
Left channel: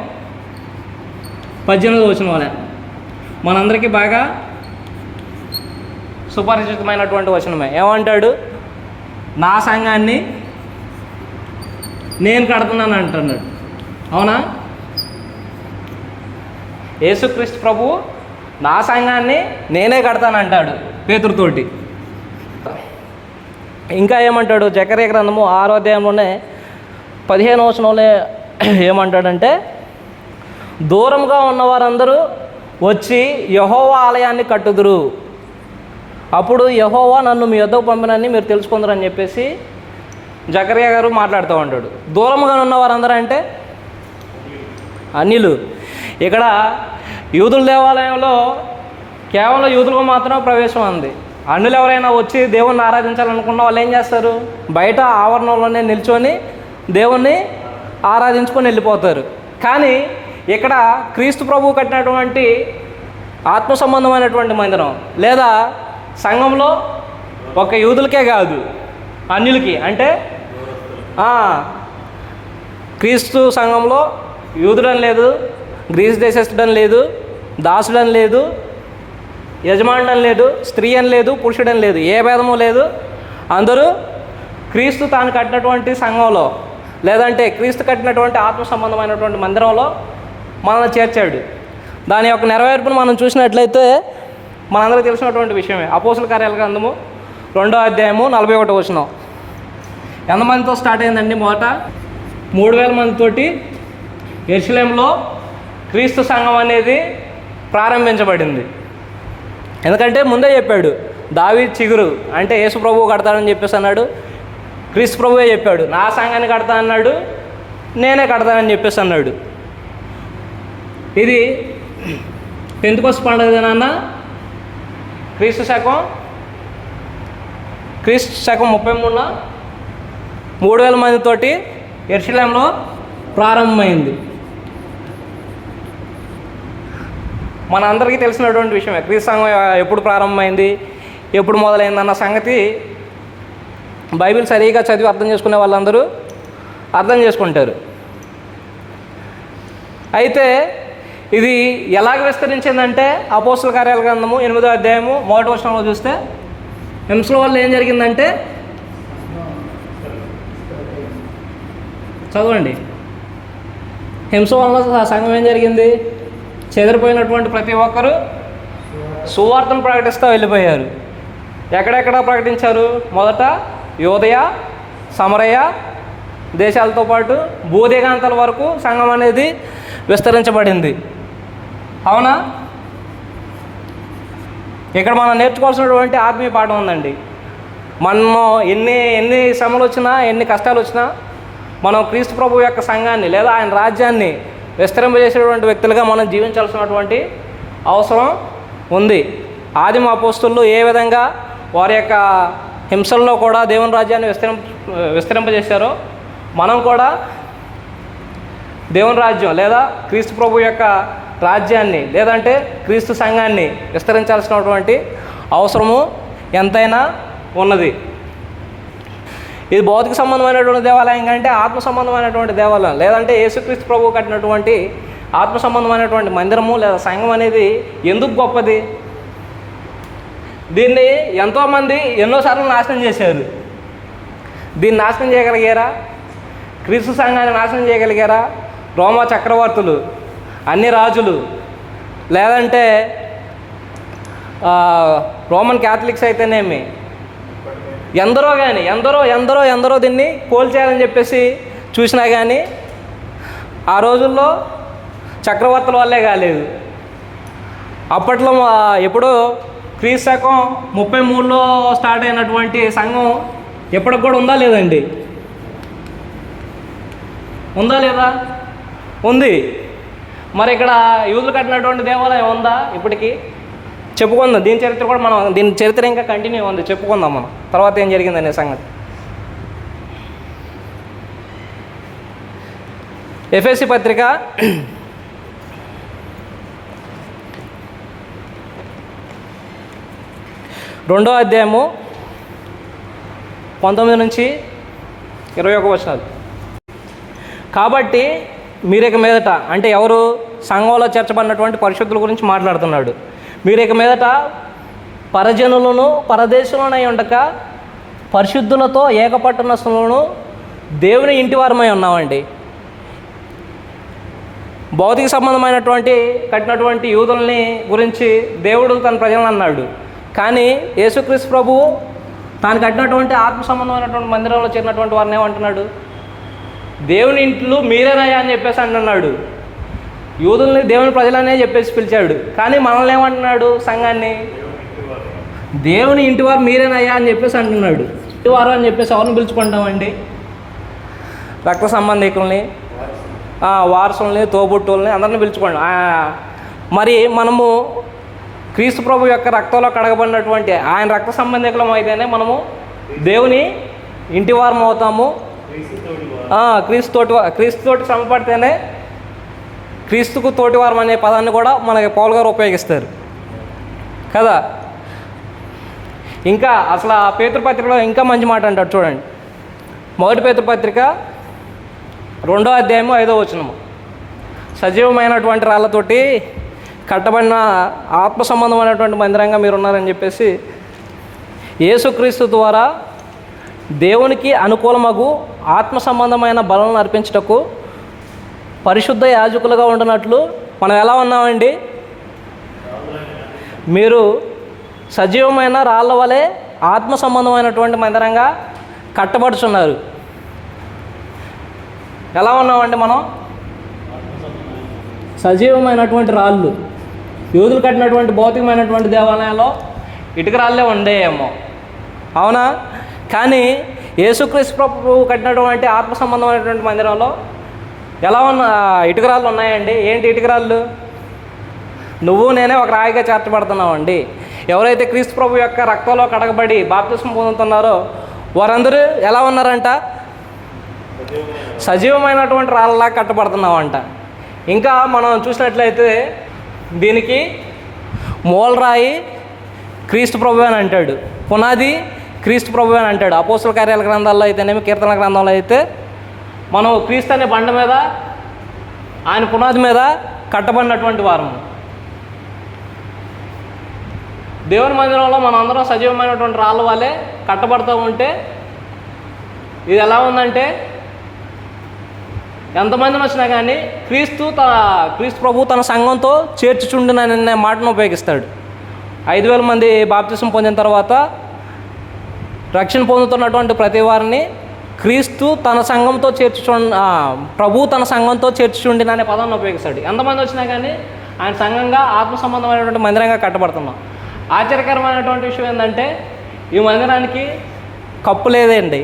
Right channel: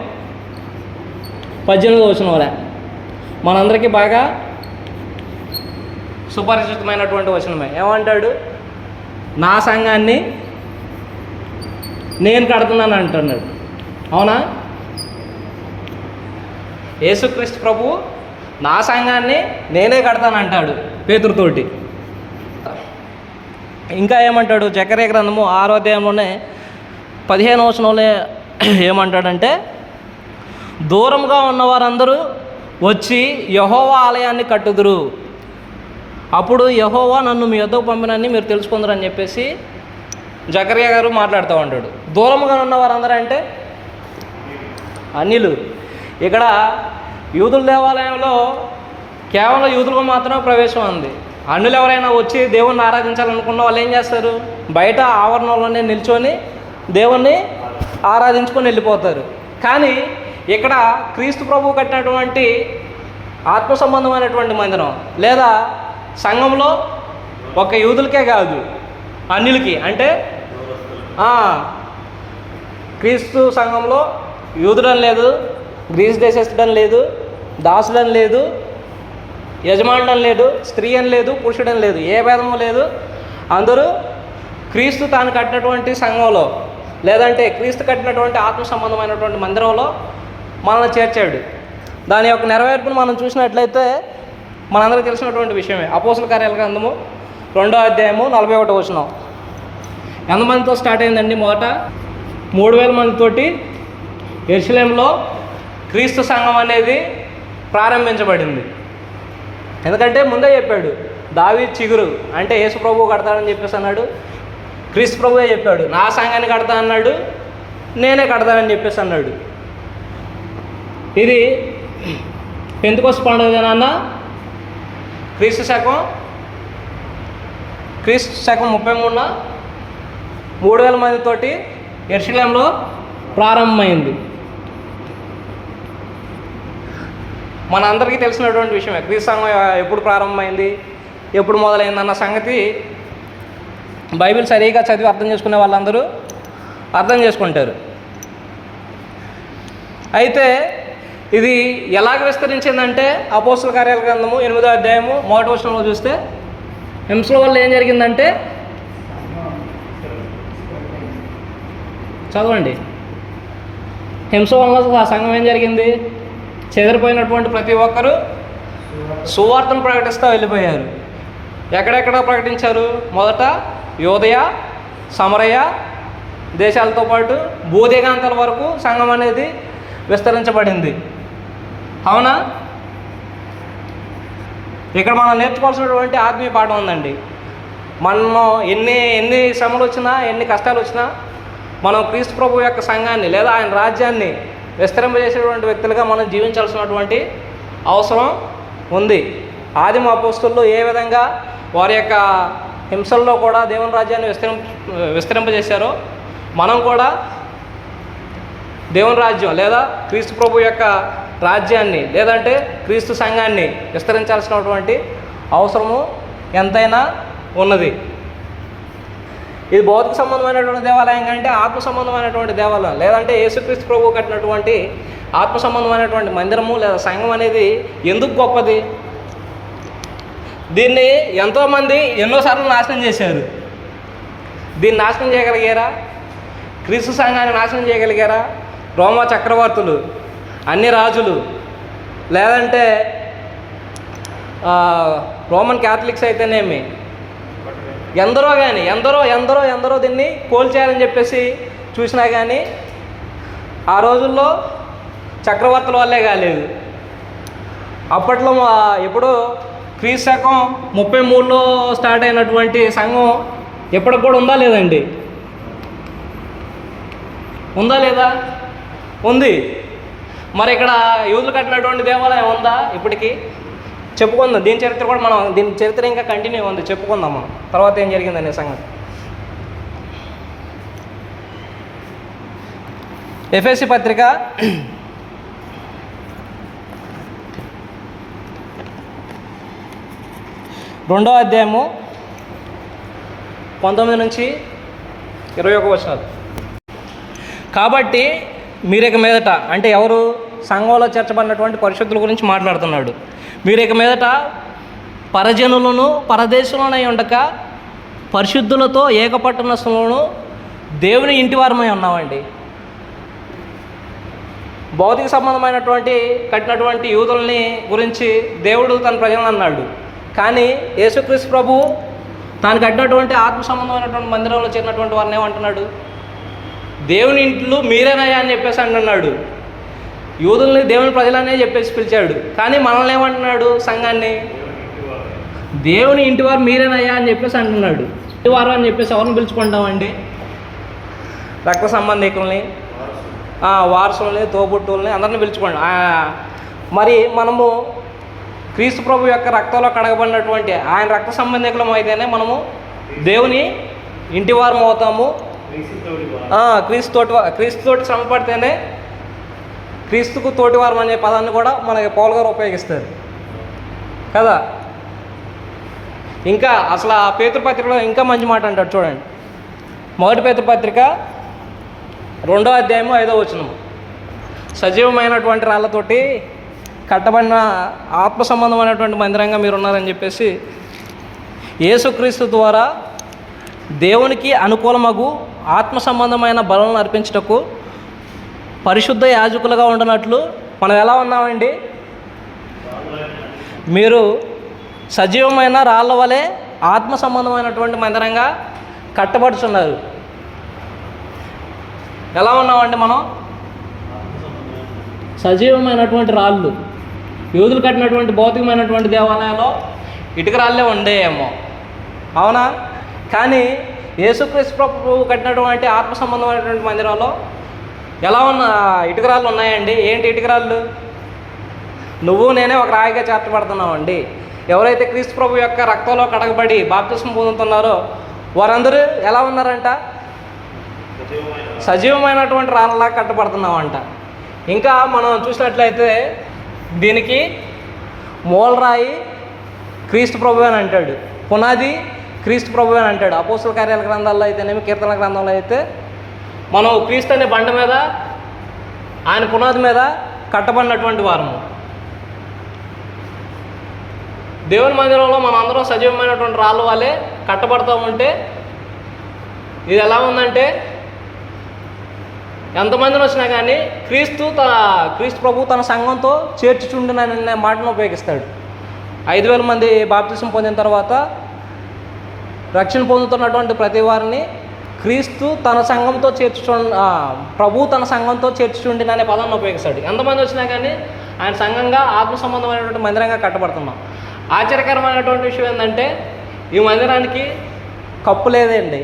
18వ వచనం మనందరికీ బాగా సుపరిచితమైనటువంటి వచనమే. ఏమంటాడు? నా సంఘాన్ని నేను కడుతున్నాను అంటున్నాడు. అవునా? యేసుక్రీస్తు ప్రభు నా సంఘాన్ని నేనే కడతానంటాడు పేతురుతోటి. ఇంకా ఏమంటాడు? జకర్యా గ్రంథము 6వ అధ్యాయంలోనే 15వ వచనంలో ఏమంటాడంటే, దూరంగా ఉన్నవారందరూ వచ్చి యెహోవా ఆలయాన్ని కట్టుదురు, అప్పుడు యెహోవా నన్ను మీ యొద్దకు పంపినని మీరు తెలుసుకుందరని చెప్పేసి జకర్యా గారు మాట్లాడుతూ ఉంటాడు. దూరంగా ఉన్నవారందరూ అంటే అన్యులు. ఇక్కడ యూదుల దేవాలయంలో కేవలం యూదులకు మాత్రమే ప్రవేశం ఉంది. అన్యులు ఎవరైనా వచ్చి దేవుణ్ణి ఆరాధించాలనుకున్న వాళ్ళు ఏం చేస్తారు? బయట ఆవరణలోనే నిల్చొని దేవుణ్ణి ఆరాధించుకొని వెళ్ళిపోతారు. కానీ ఇక్కడ క్రీస్తు ప్రభువు కట్టినటువంటి ఆత్మ సంబంధమైనటువంటి మందిరం, లేదా సంఘంలో ఒక యూదులకే కాదు అన్యులకి, అంటే క్రీస్తు సంఘంలో యూదుడని లేదు, గ్రీసు దేశస్థుడని లేదు, దాసుడని లేదు, యజమానుడని లేదు, స్త్రీ అని లేదు, పురుషుడని లేదు, ఏ భేదము లేదు. అందరూ క్రీస్తు తాను కట్టినటువంటి సంఘంలో, లేదంటే క్రీస్తు కట్టినటువంటి ఆత్మ సంబంధమైనటువంటి మందిరంలో మనల్ని చేర్చాడు. దాని యొక్క నెరవేర్పును మనం చూసినట్లయితే మనందరికీ తెలిసినటువంటి విషయమే. అపోస్తుల కార్యాల గ్రంథము 2వ అధ్యాయము 41వ వచనం. ఎంతమందితో స్టార్ట్ అయిందండి? మొదట 3000 మందితోటి యెరూషలేములో క్రీస్తు సంఘం అనేది ప్రారంభించబడింది. ఎందుకంటే ముందే చెప్పాడు, దావీదు చిగురు అంటే యేసు ప్రభువు కడతాడని చెప్పేసి అన్నాడు. క్రీస్తు ప్రభువే చెప్పాడు, నా సంఘాన్ని కడతా అన్నాడు, నేనే కడతానని చెప్పేసి అన్నాడు. ఇది పెంతెకొస్తు పండుగదేనన్నా. క్రీస్తు శకం 33న 3000 మందితోటి యెరూషలేములో ప్రారంభమైంది. మన అందరికీ తెలిసినటువంటి విషయమే. క్రీస్తు సంఘం ఎప్పుడు ప్రారంభమైంది, ఎప్పుడు మొదలైంది అన్న సంగతి బైబిల్ సరిగా చదివి అర్థం చేసుకునే వాళ్ళందరూ అర్థం చేసుకుంటారు. అయితే ఇది ఎలాగ విస్తరించిందంటే అపోస్తుల కార్యాల గ్రంథము 8వ అధ్యాయము 1వ వచనంలో చూస్తే హింసల వల్ల ఏం జరిగిందంటే చదవండి. హింస వల్ల సంఘం ఏం జరిగింది? చెదిరిపోయినటువంటి ప్రతి ఒక్కరూ సువార్తను ప్రకటిస్తూ వెళ్ళిపోయారు. ఎక్కడెక్కడ ప్రకటించారు? మొదట యోదయ, సమరయ దేశాలతో పాటు భూదిగంతాల వరకు సంఘం అనేది విస్తరించబడింది. అవునా? ఇక్కడ మనం నేర్చుకోవాల్సినటువంటి ఆత్మీయ పాఠం ఉందండి. మనము ఎన్ని శ్రమలు వచ్చినా, ఎన్ని కష్టాలు వచ్చినా, మనం క్రీస్తు ప్రభు యొక్క సంఘాన్ని లేదా ఆయన రాజ్యాన్ని విస్తరింపజేసేటువంటి వ్యక్తులుగా మనం జీవించాల్సినటువంటి అవసరం ఉంది. ఆదిమ అపోస్తులు ఏ విధంగా వారి యొక్క హింసల్లో కూడా దేవుని రాజ్యాన్ని విస్తరింపజేశారో మనం కూడా దేవుని రాజ్యం లేదా క్రీస్తు ప్రభు యొక్క రాజ్యాన్ని లేదంటే క్రీస్తు సంఘాన్ని విస్తరించాల్సినటువంటి అవసరము ఎంతైనా ఉన్నది. ఇది భౌతిక సంబంధమైనటువంటి దేవాలయం కంటే ఆత్మ సంబంధమైనటువంటి దేవాలయం, లేదంటే యేసుక్రీస్తు ప్రభు కట్టినటువంటి ఆత్మ సంబంధమైనటువంటి మందిరము లేదా సంఘం అనేది ఎందుకు గొప్పది? దీన్ని ఎంతోమంది ఎన్నోసార్లు నాశనం చేశారు. దీన్ని నాశనం చేయగలిగారా? క్రీస్తు సంఘాన్ని నాశనం చేయగలిగారా? రోమా చక్రవర్తులు, అన్ని రాజులు, లేదంటే రోమన్ క్యాథలిక్స్ అయితేనేమి, ఎందరో కానీ ఎందరో దీన్ని కోల్చేయాలని చెప్పేసి చూసినా కానీ ఆ రోజుల్లో చక్రవర్తుల వల్లే కాలేదు. అప్పట్లో ఎప్పుడో క్రీస్తు శకం 33లో స్టార్ట్ అయినటువంటి సంఘం ఎప్పటికి కూడా ఉందా లేదండి? ఉందా లేదా? ఉంది. మరి ఇక్కడ యూదులు కట్టినటువంటి దేవాలయం ఉందా ఇప్పటికీ? చెప్పుకుందాం. దీని చరిత్ర కూడా మనం దీని చరిత్ర ఇంకా కంటిన్యూ ఉంది, చెప్పుకుందాం మనం తర్వాత ఏం జరిగిందనే సంగతి. ఎఫెసీ పత్రిక 2వ అధ్యాయము 19 నుంచి 21 వచనాలు. కాబట్టి మీరిక మీదట, అంటే ఎవరు? సంఘంలో చేర్చబడినటువంటి పరిశుద్ధుల గురించి మాట్లాడుతున్నాడు. మీరిక మీదట పరజనులను పరదేశులనై ఉండక పరిశుద్ధులతో ఏకపట్టణస్థులను దేవుని ఇంటి వారమై ఉన్నామండి. భౌతిక సంబంధమైనటువంటి కట్టినటువంటి యూదుల్ని గురించి దేవుడు తన ప్రజలను అన్నాడు. కానీ యేసుక్రీస్తు ప్రభు తాను కట్టినటువంటి ఆత్మ సంబంధమైనటువంటి మందిరంలో చేరినటువంటి వారిని ఏమంటున్నాడు? దేవుని ఇంట్లో మీరేనయ్యా అని చెప్పేసి అంటున్నాడు. యూదుల్ని దేవుని ప్రజలనే చెప్పేసి పిలిచాడు. కానీ మనల్ని ఏమంటున్నాడు? సంఘాన్ని దేవుని ఇంటివారు మీరేనయ్యా అని చెప్పేసి అంటున్నాడు. ఇంటివారు అని చెప్పేసి ఎవరిని పిలుచుకుంటామండి? రక్త సంబంధికుల్ని, వారసుల్ని, తోబుట్టుల్ని అందరిని పిలుచుకోండి. మరి మనము క్రీస్తు ప్రభు యొక్క రక్తంలో కడగబడినటువంటి ఆయన రక్త సంబంధికులం అయితేనే మనము దేవుని ఇంటివారం అవుతాము. క్రీస్తుతోటి సమపడితేనే క్రీస్తుకు తోటివారం అనే పదాన్ని కూడా మనకి పౌలు గారు ఉపయోగిస్తారు కదా. ఇంకా అసలు ఆ పేతురుపత్రికలో ఇంకా మంచి మాట అంటాడు చూడండి. మొదటి పేతురుపత్రిక 2వ అధ్యాయము 5వ వచనము. సజీవమైనటువంటి రాళ్ళతోటి కట్టబడిన ఆత్మ సంబంధమైనటువంటి మందిరంగా మీరు ఉన్నారని చెప్పేసి యేసుక్రీస్తు ద్వారా దేవునికి అనుకూలమగు ఆత్మ సంబంధమైన బలను అర్పించుటకు పరిశుద్ధ యాజకులుగా ఉండనట్లు మనం ఎలా ఉన్నామండి? మీరు సజీవమైన రాళ్ళ వలె ఆత్మ సంబంధమైనటువంటి మందిరంగా కట్టబడుచున్నారు. ఎలా ఉన్నామండి మనం? సజీవమైనటువంటి రాళ్ళు. యూదులు కట్టినటువంటి భౌతికమైనటువంటి దేవాలయంలో ఇటుక రాళ్ళే ఉండేయేమో, అవునా? కానీ యేసుక్రీస్తు ప్రభు కట్టినటువంటి ఆత్మ సంబంధమైనటువంటి మందిరంలో ఎలా ఇటుక రాళ్ళు ఉన్నాయండి. ఏంటి ఇటుక రాళ్ళు? నువ్వు నేనే ఒక రాయిగా చేర్చబడుతున్నామండి. ఎవరైతే క్రీస్తు ప్రభు యొక్క రక్తంలో కడగబడి బాప్తిస్మం పొందుతున్నారో వారందరూ ఎలా ఉన్నారంట? సజీవమైనటువంటి రాళ్ళలా కట్టబడుతున్నామంట. ఇంకా మనం చూసినట్లయితే దీనికి మూలరాయి క్రీస్తు ప్రభు అని అంటాడు, పునాది క్రీస్తు ప్రభు అని అంటాడు. అపోస్తుల కార్యాల గ్రంథాల్లో అయితేనేమి, కీర్తన గ్రంథంలో అయితే మనం క్రీస్తు అనే బండ మీద ఆయన పునాది మీద కట్టబడినటువంటి వారము. దేవుని మందిరంలో మనం అందరం సజీవమైనటువంటి రాళ్ళ వాళ్ళే కట్టబడుతూ ఉంటే ఇది ఎలా ఉందంటే ఎంతమందిని వచ్చినా కానీ క్రీస్తు ప్రభు తన సంఘంతో చేర్చుచుండుననే మాటను ఉపయోగిస్తాడు. 5,000 మంది బాప్తిసం పొందిన తర్వాత రక్షణ పొందుతున్నటువంటి ప్రతి వారిని క్రీస్తు తన సంఘంతో ప్రభు తన సంఘంతో చేర్చుచుండిన అనే పదాన్ని ఉపయోగిస్తాడు. ఎంతమంది వచ్చినా కానీ ఆయన సంఘంగా ఆత్మ సంబంధమైనటువంటి మందిరంగా కట్టబడుతున్నాం. ఆశ్చర్యకరమైనటువంటి విషయం ఏంటంటే ఈ మందిరానికి కప్పు లేదండి.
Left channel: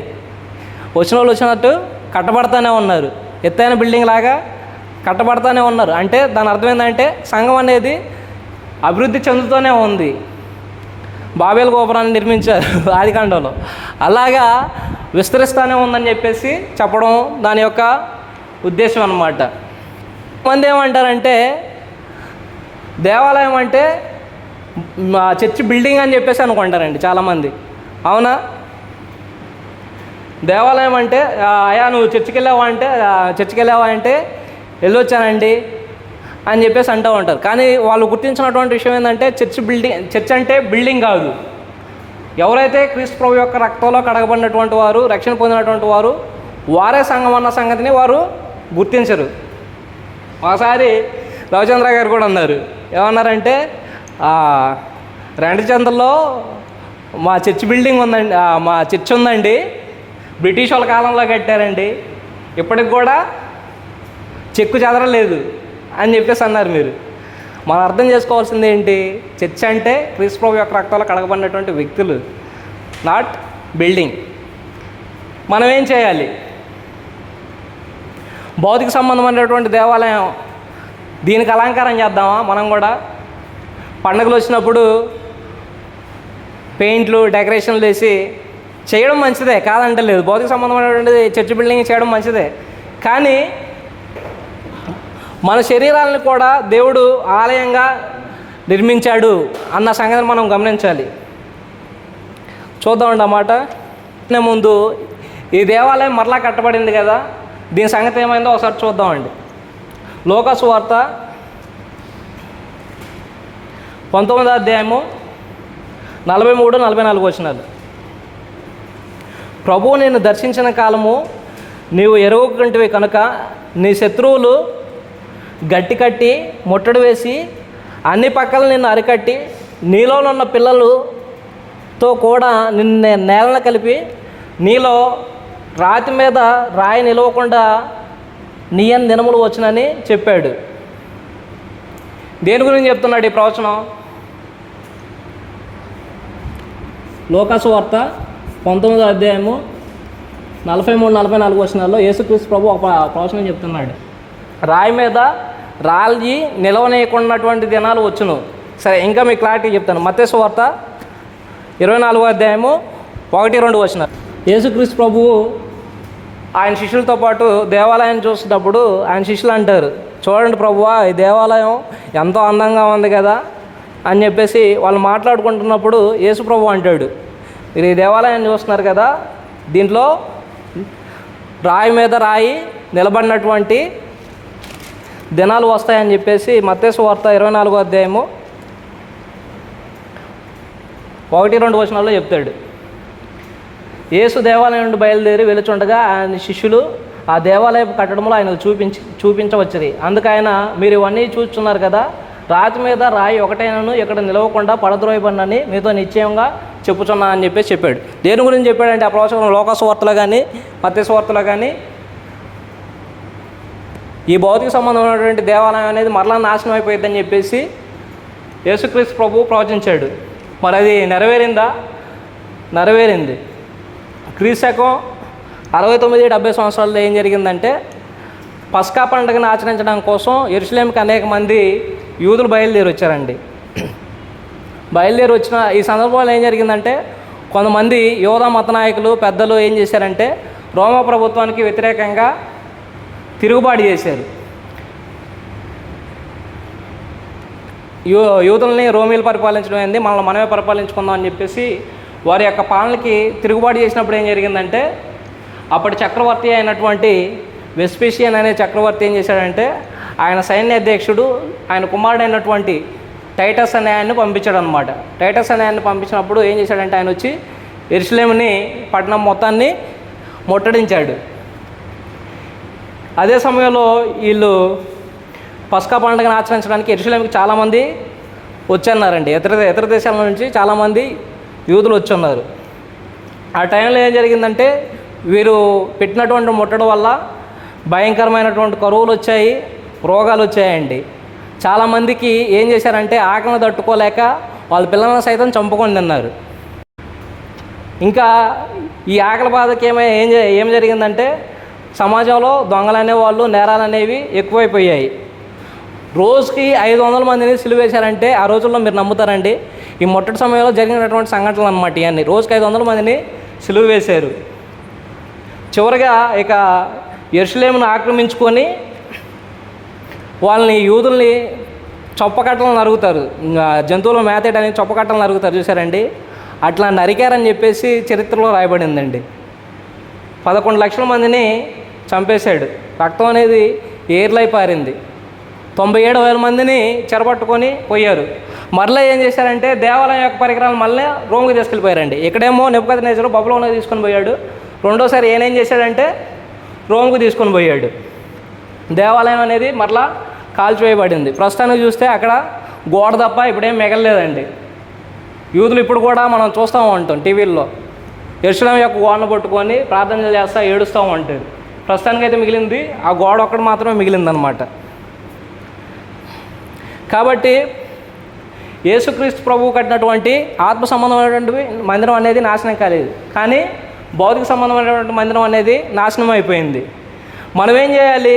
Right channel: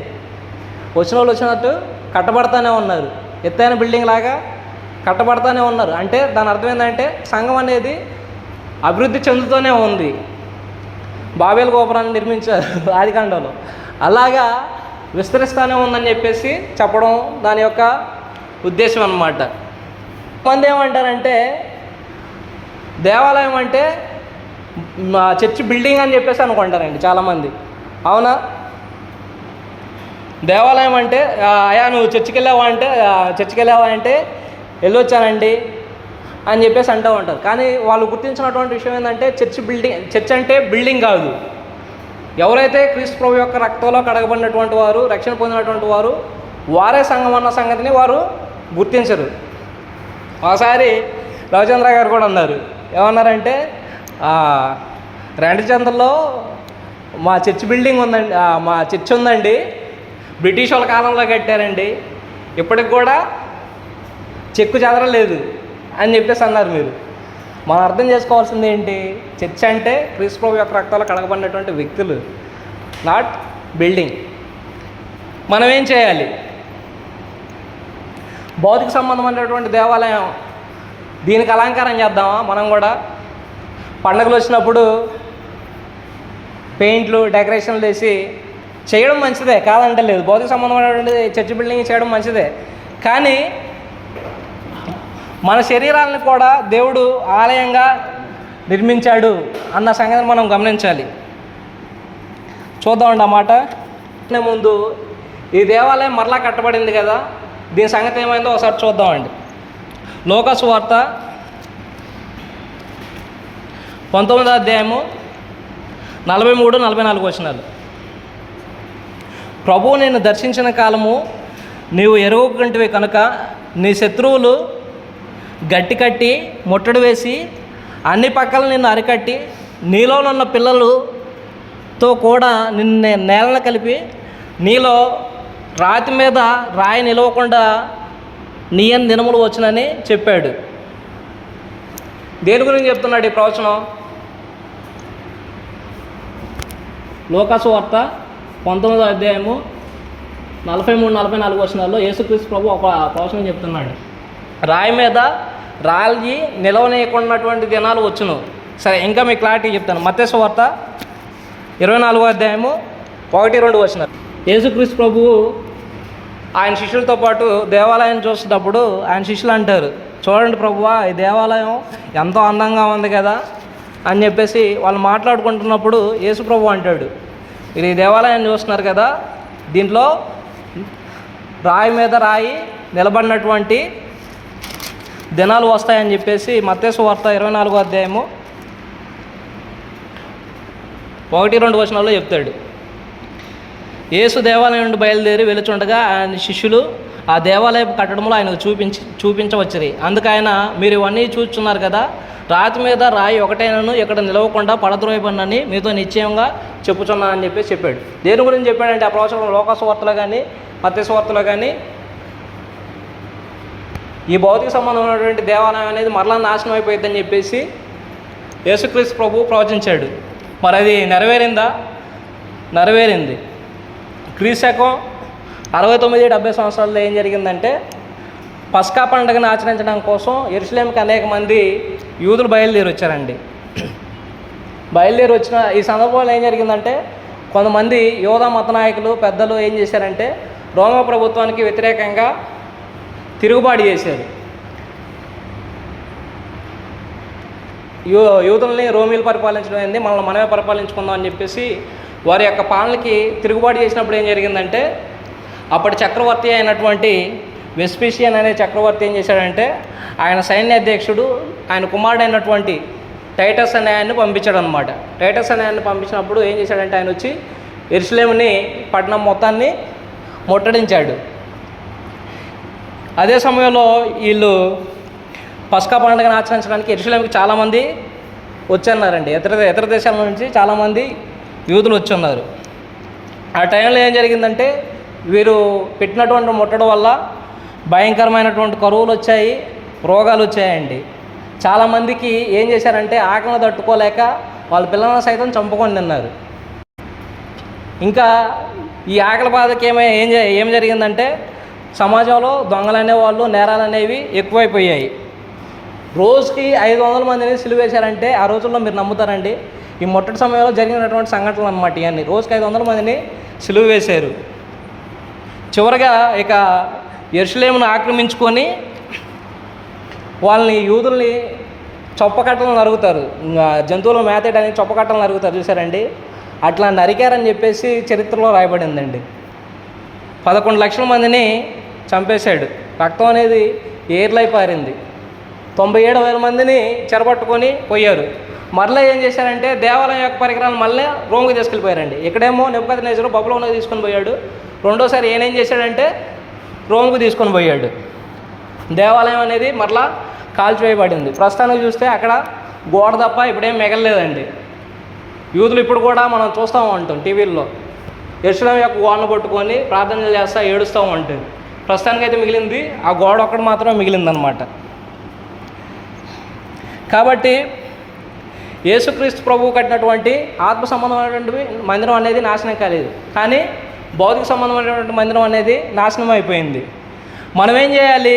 వచ్చిన వాళ్ళు వచ్చినట్టు కట్టబడతానే ఉన్నారు. ఎత్తైన బిల్డింగ్ లాగా కట్టబడతానే ఉన్నారు. అంటే దాని అర్థం ఏంటంటే సంఘం అనేది అభివృద్ధి చెందుతూనే ఉంది. బాబేలు గోపురాన్ని నిర్మించారు ఆదికాండంలో, అలాగా విస్తరిస్తూనే ఉందని చెప్పేసి చెప్పడం దాని యొక్క ఉద్దేశం అన్నమాట. కొంతమంది ఏమంటారంటే దేవాలయం అంటే చర్చి బిల్డింగ్ అని చెప్పేసి అనుకుంటారండి చాలామంది. అవునా? దేవాలయం అంటే అయా నువ్వు చర్చికి వెళ్ళావా అంటే వెళ్ళొచ్చానండి అని చెప్పేసి అంటూ ఉంటారు. కానీ వాళ్ళు గుర్తించినటువంటి విషయం ఏంటంటే చర్చ్ అంటే బిల్డింగ్ కాదు. ఎవరైతే క్రీస్తు ప్రభు యొక్క రక్తంలో కడగబడినటువంటి వారు, రక్షణ పొందినటువంటి వారు, వారే సంఘం అన్న సంగతిని వారు గుర్తించరు. ఒకసారి రవిచంద్ర గారు కూడా అన్నారు. ఏమన్నారంటే రెండచంద్రలో మా చర్చ్ బిల్డింగ్ ఉందండి, మా చర్చ్ ఉందండి, బ్రిటిష్ వాళ్ళ కాలంలో కట్టారండి, ఇప్పటికి కూడా చెక్కు చెదరలేదు అని చెప్పేసి అన్నారు. మీరు మనం అర్థం చేసుకోవాల్సింది ఏంటి? చర్చ్ అంటే క్రీస్తు ప్రభు యొక్క రక్తాలు కడగబడినటువంటి వ్యక్తులు, నాట్ బిల్డింగ్. మనం ఏం చేయాలి? భౌతిక సంబంధమైనటువంటి దేవాలయం దీనికి అలంకారం చేద్దామా? మనం కూడా పండుగలు వచ్చినప్పుడు పెయింట్లు డెకరేషన్లు వేసి చేయడం మంచిదే, కాదంటే లేదు. భౌతిక సంబంధమైనటువంటి చర్చ్ బిల్డింగ్ చేయడం మంచిదే. కానీ మన శరీరాలను కూడా దేవుడు ఆలయంగా నిర్మించాడు అన్న సంగతిని మనం గమనించాలి. చూద్దామండి అన్నమాట. ముందు ఈ దేవాలయం మరలా కట్టబడింది కదా, దీని సంగతి ఏమైందో ఒకసారి చూద్దామండి. లూకా సువార్త 19వ అధ్యాయము 43-44 వచనాలు. ప్రభువు నిన్ను దర్శించిన కాలము నీవు ఎరుగకుంటివి కనుక నీ శత్రువులు గట్టి కట్టి ముట్టడి వేసి అన్ని పక్కల నిన్ను అరికట్టి నీలో ఉన్న పిల్లలతో కూడా నిన్ను నేలను కలిపి నీలో రాతి మీద రాయి నిలవకుండా నీయని దినములు వచ్చునని చెప్పాడు. దేని గురించి చెప్తున్నాడు ఈ ప్రవచనం? లూకా సువార్త 19వ అధ్యాయము 43-44 వచనాల్లో యేసుక్రీస్తు ప్రభు ఒక ప్రవచనం చెప్తున్నాడు. రాయి మీద రాయి నిలవనీయకున్నటువంటి దినాలు వచ్చును. సరే, ఇంకా మీకు క్లారిటీ చెప్తాను. మత్తయి సువార్త 24వ అధ్యాయము 1-2 వచనాలు. యేసుక్రీస్తు ప్రభువు ఆయన శిష్యులతో పాటు దేవాలయాన్ని చూసేటప్పుడు ఆయన శిష్యులు అంటారు, చూడండి ప్రభువా, ఈ దేవాలయం ఎంతో అందంగా ఉంది కదా అని చెప్పేసి వాళ్ళు మాట్లాడుకుంటున్నప్పుడు యేసు ప్రభు అంటాడు, మీరు ఈ దేవాలయాన్ని చూస్తున్నారు కదా, దీంట్లో రాయి మీద రాయి నిలబడినటువంటి దినాలు వస్తాయని చెప్పేసి మత్తయి సువార్త 24వ అధ్యాయము 1-2 వచనాల్లో చెప్తాడు. యేసు దేవాలయం నుండి బయలుదేరి వెలుచుండగా ఆయన శిష్యులు ఆ దేవాలయపు కట్టడంలో ఆయనకు చూపించవచ్చురి. అందుకు ఆయన, మీరు ఇవన్నీ చూస్తున్నారు కదా, రాతి మీద రాయి ఒకటైనను ఇక్కడ నిలవకుండా పడద్రోయబడినని మీతో నిశ్చయంగా చెప్పుచున్నా అని చెప్పేసి చెప్పాడు. దేని గురించి చెప్పాడంటే ఆ ప్రవచనం లూకా సువార్తలో కానీ మత్తయి సువార్తలో కానీ ఈ భౌతిక సంబంధమైనటువంటి దేవాలయం అనేది మరలా నాశనం అయిపోయిందని చెప్పేసి యేసుక్రీస్తు ప్రభు ప్రవచించాడు. మరి అది నెరవేరిందా? నెరవేరింది. క్రీస్తకం 69-70 సంవత్సరాల్లో ఏం జరిగిందంటే, పస్కా పండుగను ఆచరించడం కోసం యెరూషలేముకి అనేక మంది యూదులు బయలుదేరి వచ్చారండి. బయలుదేరి వచ్చిన ఈ సందర్భంలో ఏం జరిగిందంటే, కొంతమంది యూదా మత నాయకులు పెద్దలు ఏం చేశారంటే రోమా ప్రభుత్వానికి వ్యతిరేకంగా తిరుగుబాటు చేశారు. యూదుల్ని రోమీలు పరిపాలించడం అయింది, మనల్ని మనమే పరిపాలించుకుందాం అని చెప్పేసి వారి యొక్క పాలనకి తిరుగుబాటు చేసినప్పుడు ఏం జరిగిందంటే, అప్పటి చక్రవర్తి అయినటువంటి వెస్పీషియన్ అనే చక్రవర్తి ఏం చేశాడంటే, ఆయన సైన్యాధ్యక్షుడు ఆయన కుమారుడు అయినటువంటి టైటస్ అనే ఆయన్ని పంపించాడు అనమాట. టైటస్ అనే ఆయన్ని పంపించినప్పుడు ఏం చేశాడంటే, ఆయన వచ్చి యెరూషలేముని పట్టణం మొత్తాన్ని ముట్టడించాడు. అదే సమయంలో వీళ్ళు పస్కా పండుగను ఆచరించడానికి యెరూషలేముకి చాలామంది వచ్చున్నారండి. ఇతర దేశాల నుంచి చాలామంది యూదులు వచ్చున్నారు. ఆ టైంలో ఏం జరిగిందంటే వీరు పెట్టినటువంటి ముట్టడి వల్ల భయంకరమైనటువంటి కరువులు వచ్చాయి, రోగాలు వచ్చాయండి. చాలామందికి ఏం చేశారంటే ఆకలిని తట్టుకోలేక వాళ్ళ పిల్లలను సైతం చంపుకొని తిన్నారు. ఇంకా ఈ ఆకలి బాధకి ఏం జరిగిందంటే సమాజంలో దొంగలు అనేవాళ్ళు, నేరాలు అనేవి ఎక్కువైపోయాయి. రోజుకి 500 మందిని సిలువేశారంటే ఆ రోజుల్లో మీరు నమ్ముతారండి? ఈ ముట్టడి సమయంలో జరిగినటువంటి సంఘటనలు అన్నమాట ఇవన్నీ. రోజుకి 500 మందిని సిలువ వేశారు. చివరిగా ఇక యెరూషలేమును ఆక్రమించుకొని వాళ్ళని యూదుల్ని చొప్పకట్టలను నరుగుతారు. జంతువులు మేతేయడానికి చొప్పకట్టలను నరుగుతారు చూసారండి. అట్లా నరికారని చెప్పేసి చరిత్రలో రాయబడిందండి. 11 లక్షల మందిని చంపేశాడు. రక్తం అనేది ఏర్లై పారింది. 97,000 మందిని చెరపట్టుకొని పోయారు. మరలా ఏం చేశారంటే దేవాలయం యొక్క పరికరాలు మళ్ళీ రోమ్కి తీసుకెళ్ళిపోయారండి. ఇక్కడేమో నెబుకద్నెజరు బబులోనికి తీసుకొని పోయాడు. రెండోసారి ఏం చేశాడంటే రోమ్కి తీసుకొని పోయాడు. దేవాలయం అనేది మరలా కాల్చివేయబడింది. ప్రస్తుతానికి చూస్తే అక్కడ గోడ తప్ప ఇప్పుడేం మిగలలేదండి. యూదులు ఇప్పుడు కూడా మనం చూస్తూ ఉంటాం టీవీల్లో యెరూషలేము యొక్క గోడను పట్టుకొని ప్రార్థనలు చేస్తూ ఏడుస్తూ ఉంటారు. ప్రస్తుతానికైతే మిగిలింది ఆ గోడ ఒక్కటి మాత్రమే మిగిలిందనమాట. కాబట్టి యేసుక్రీస్తు ప్రభువు కట్టినటువంటి ఆత్మ సంబంధమైనటువంటి మందిరం అనేది నాశనం కాలేదు, కానీ భౌతిక సంబంధమైనటువంటి మందిరం అనేది నాశనం అయిపోయింది. మనం ఏం చేయాలి?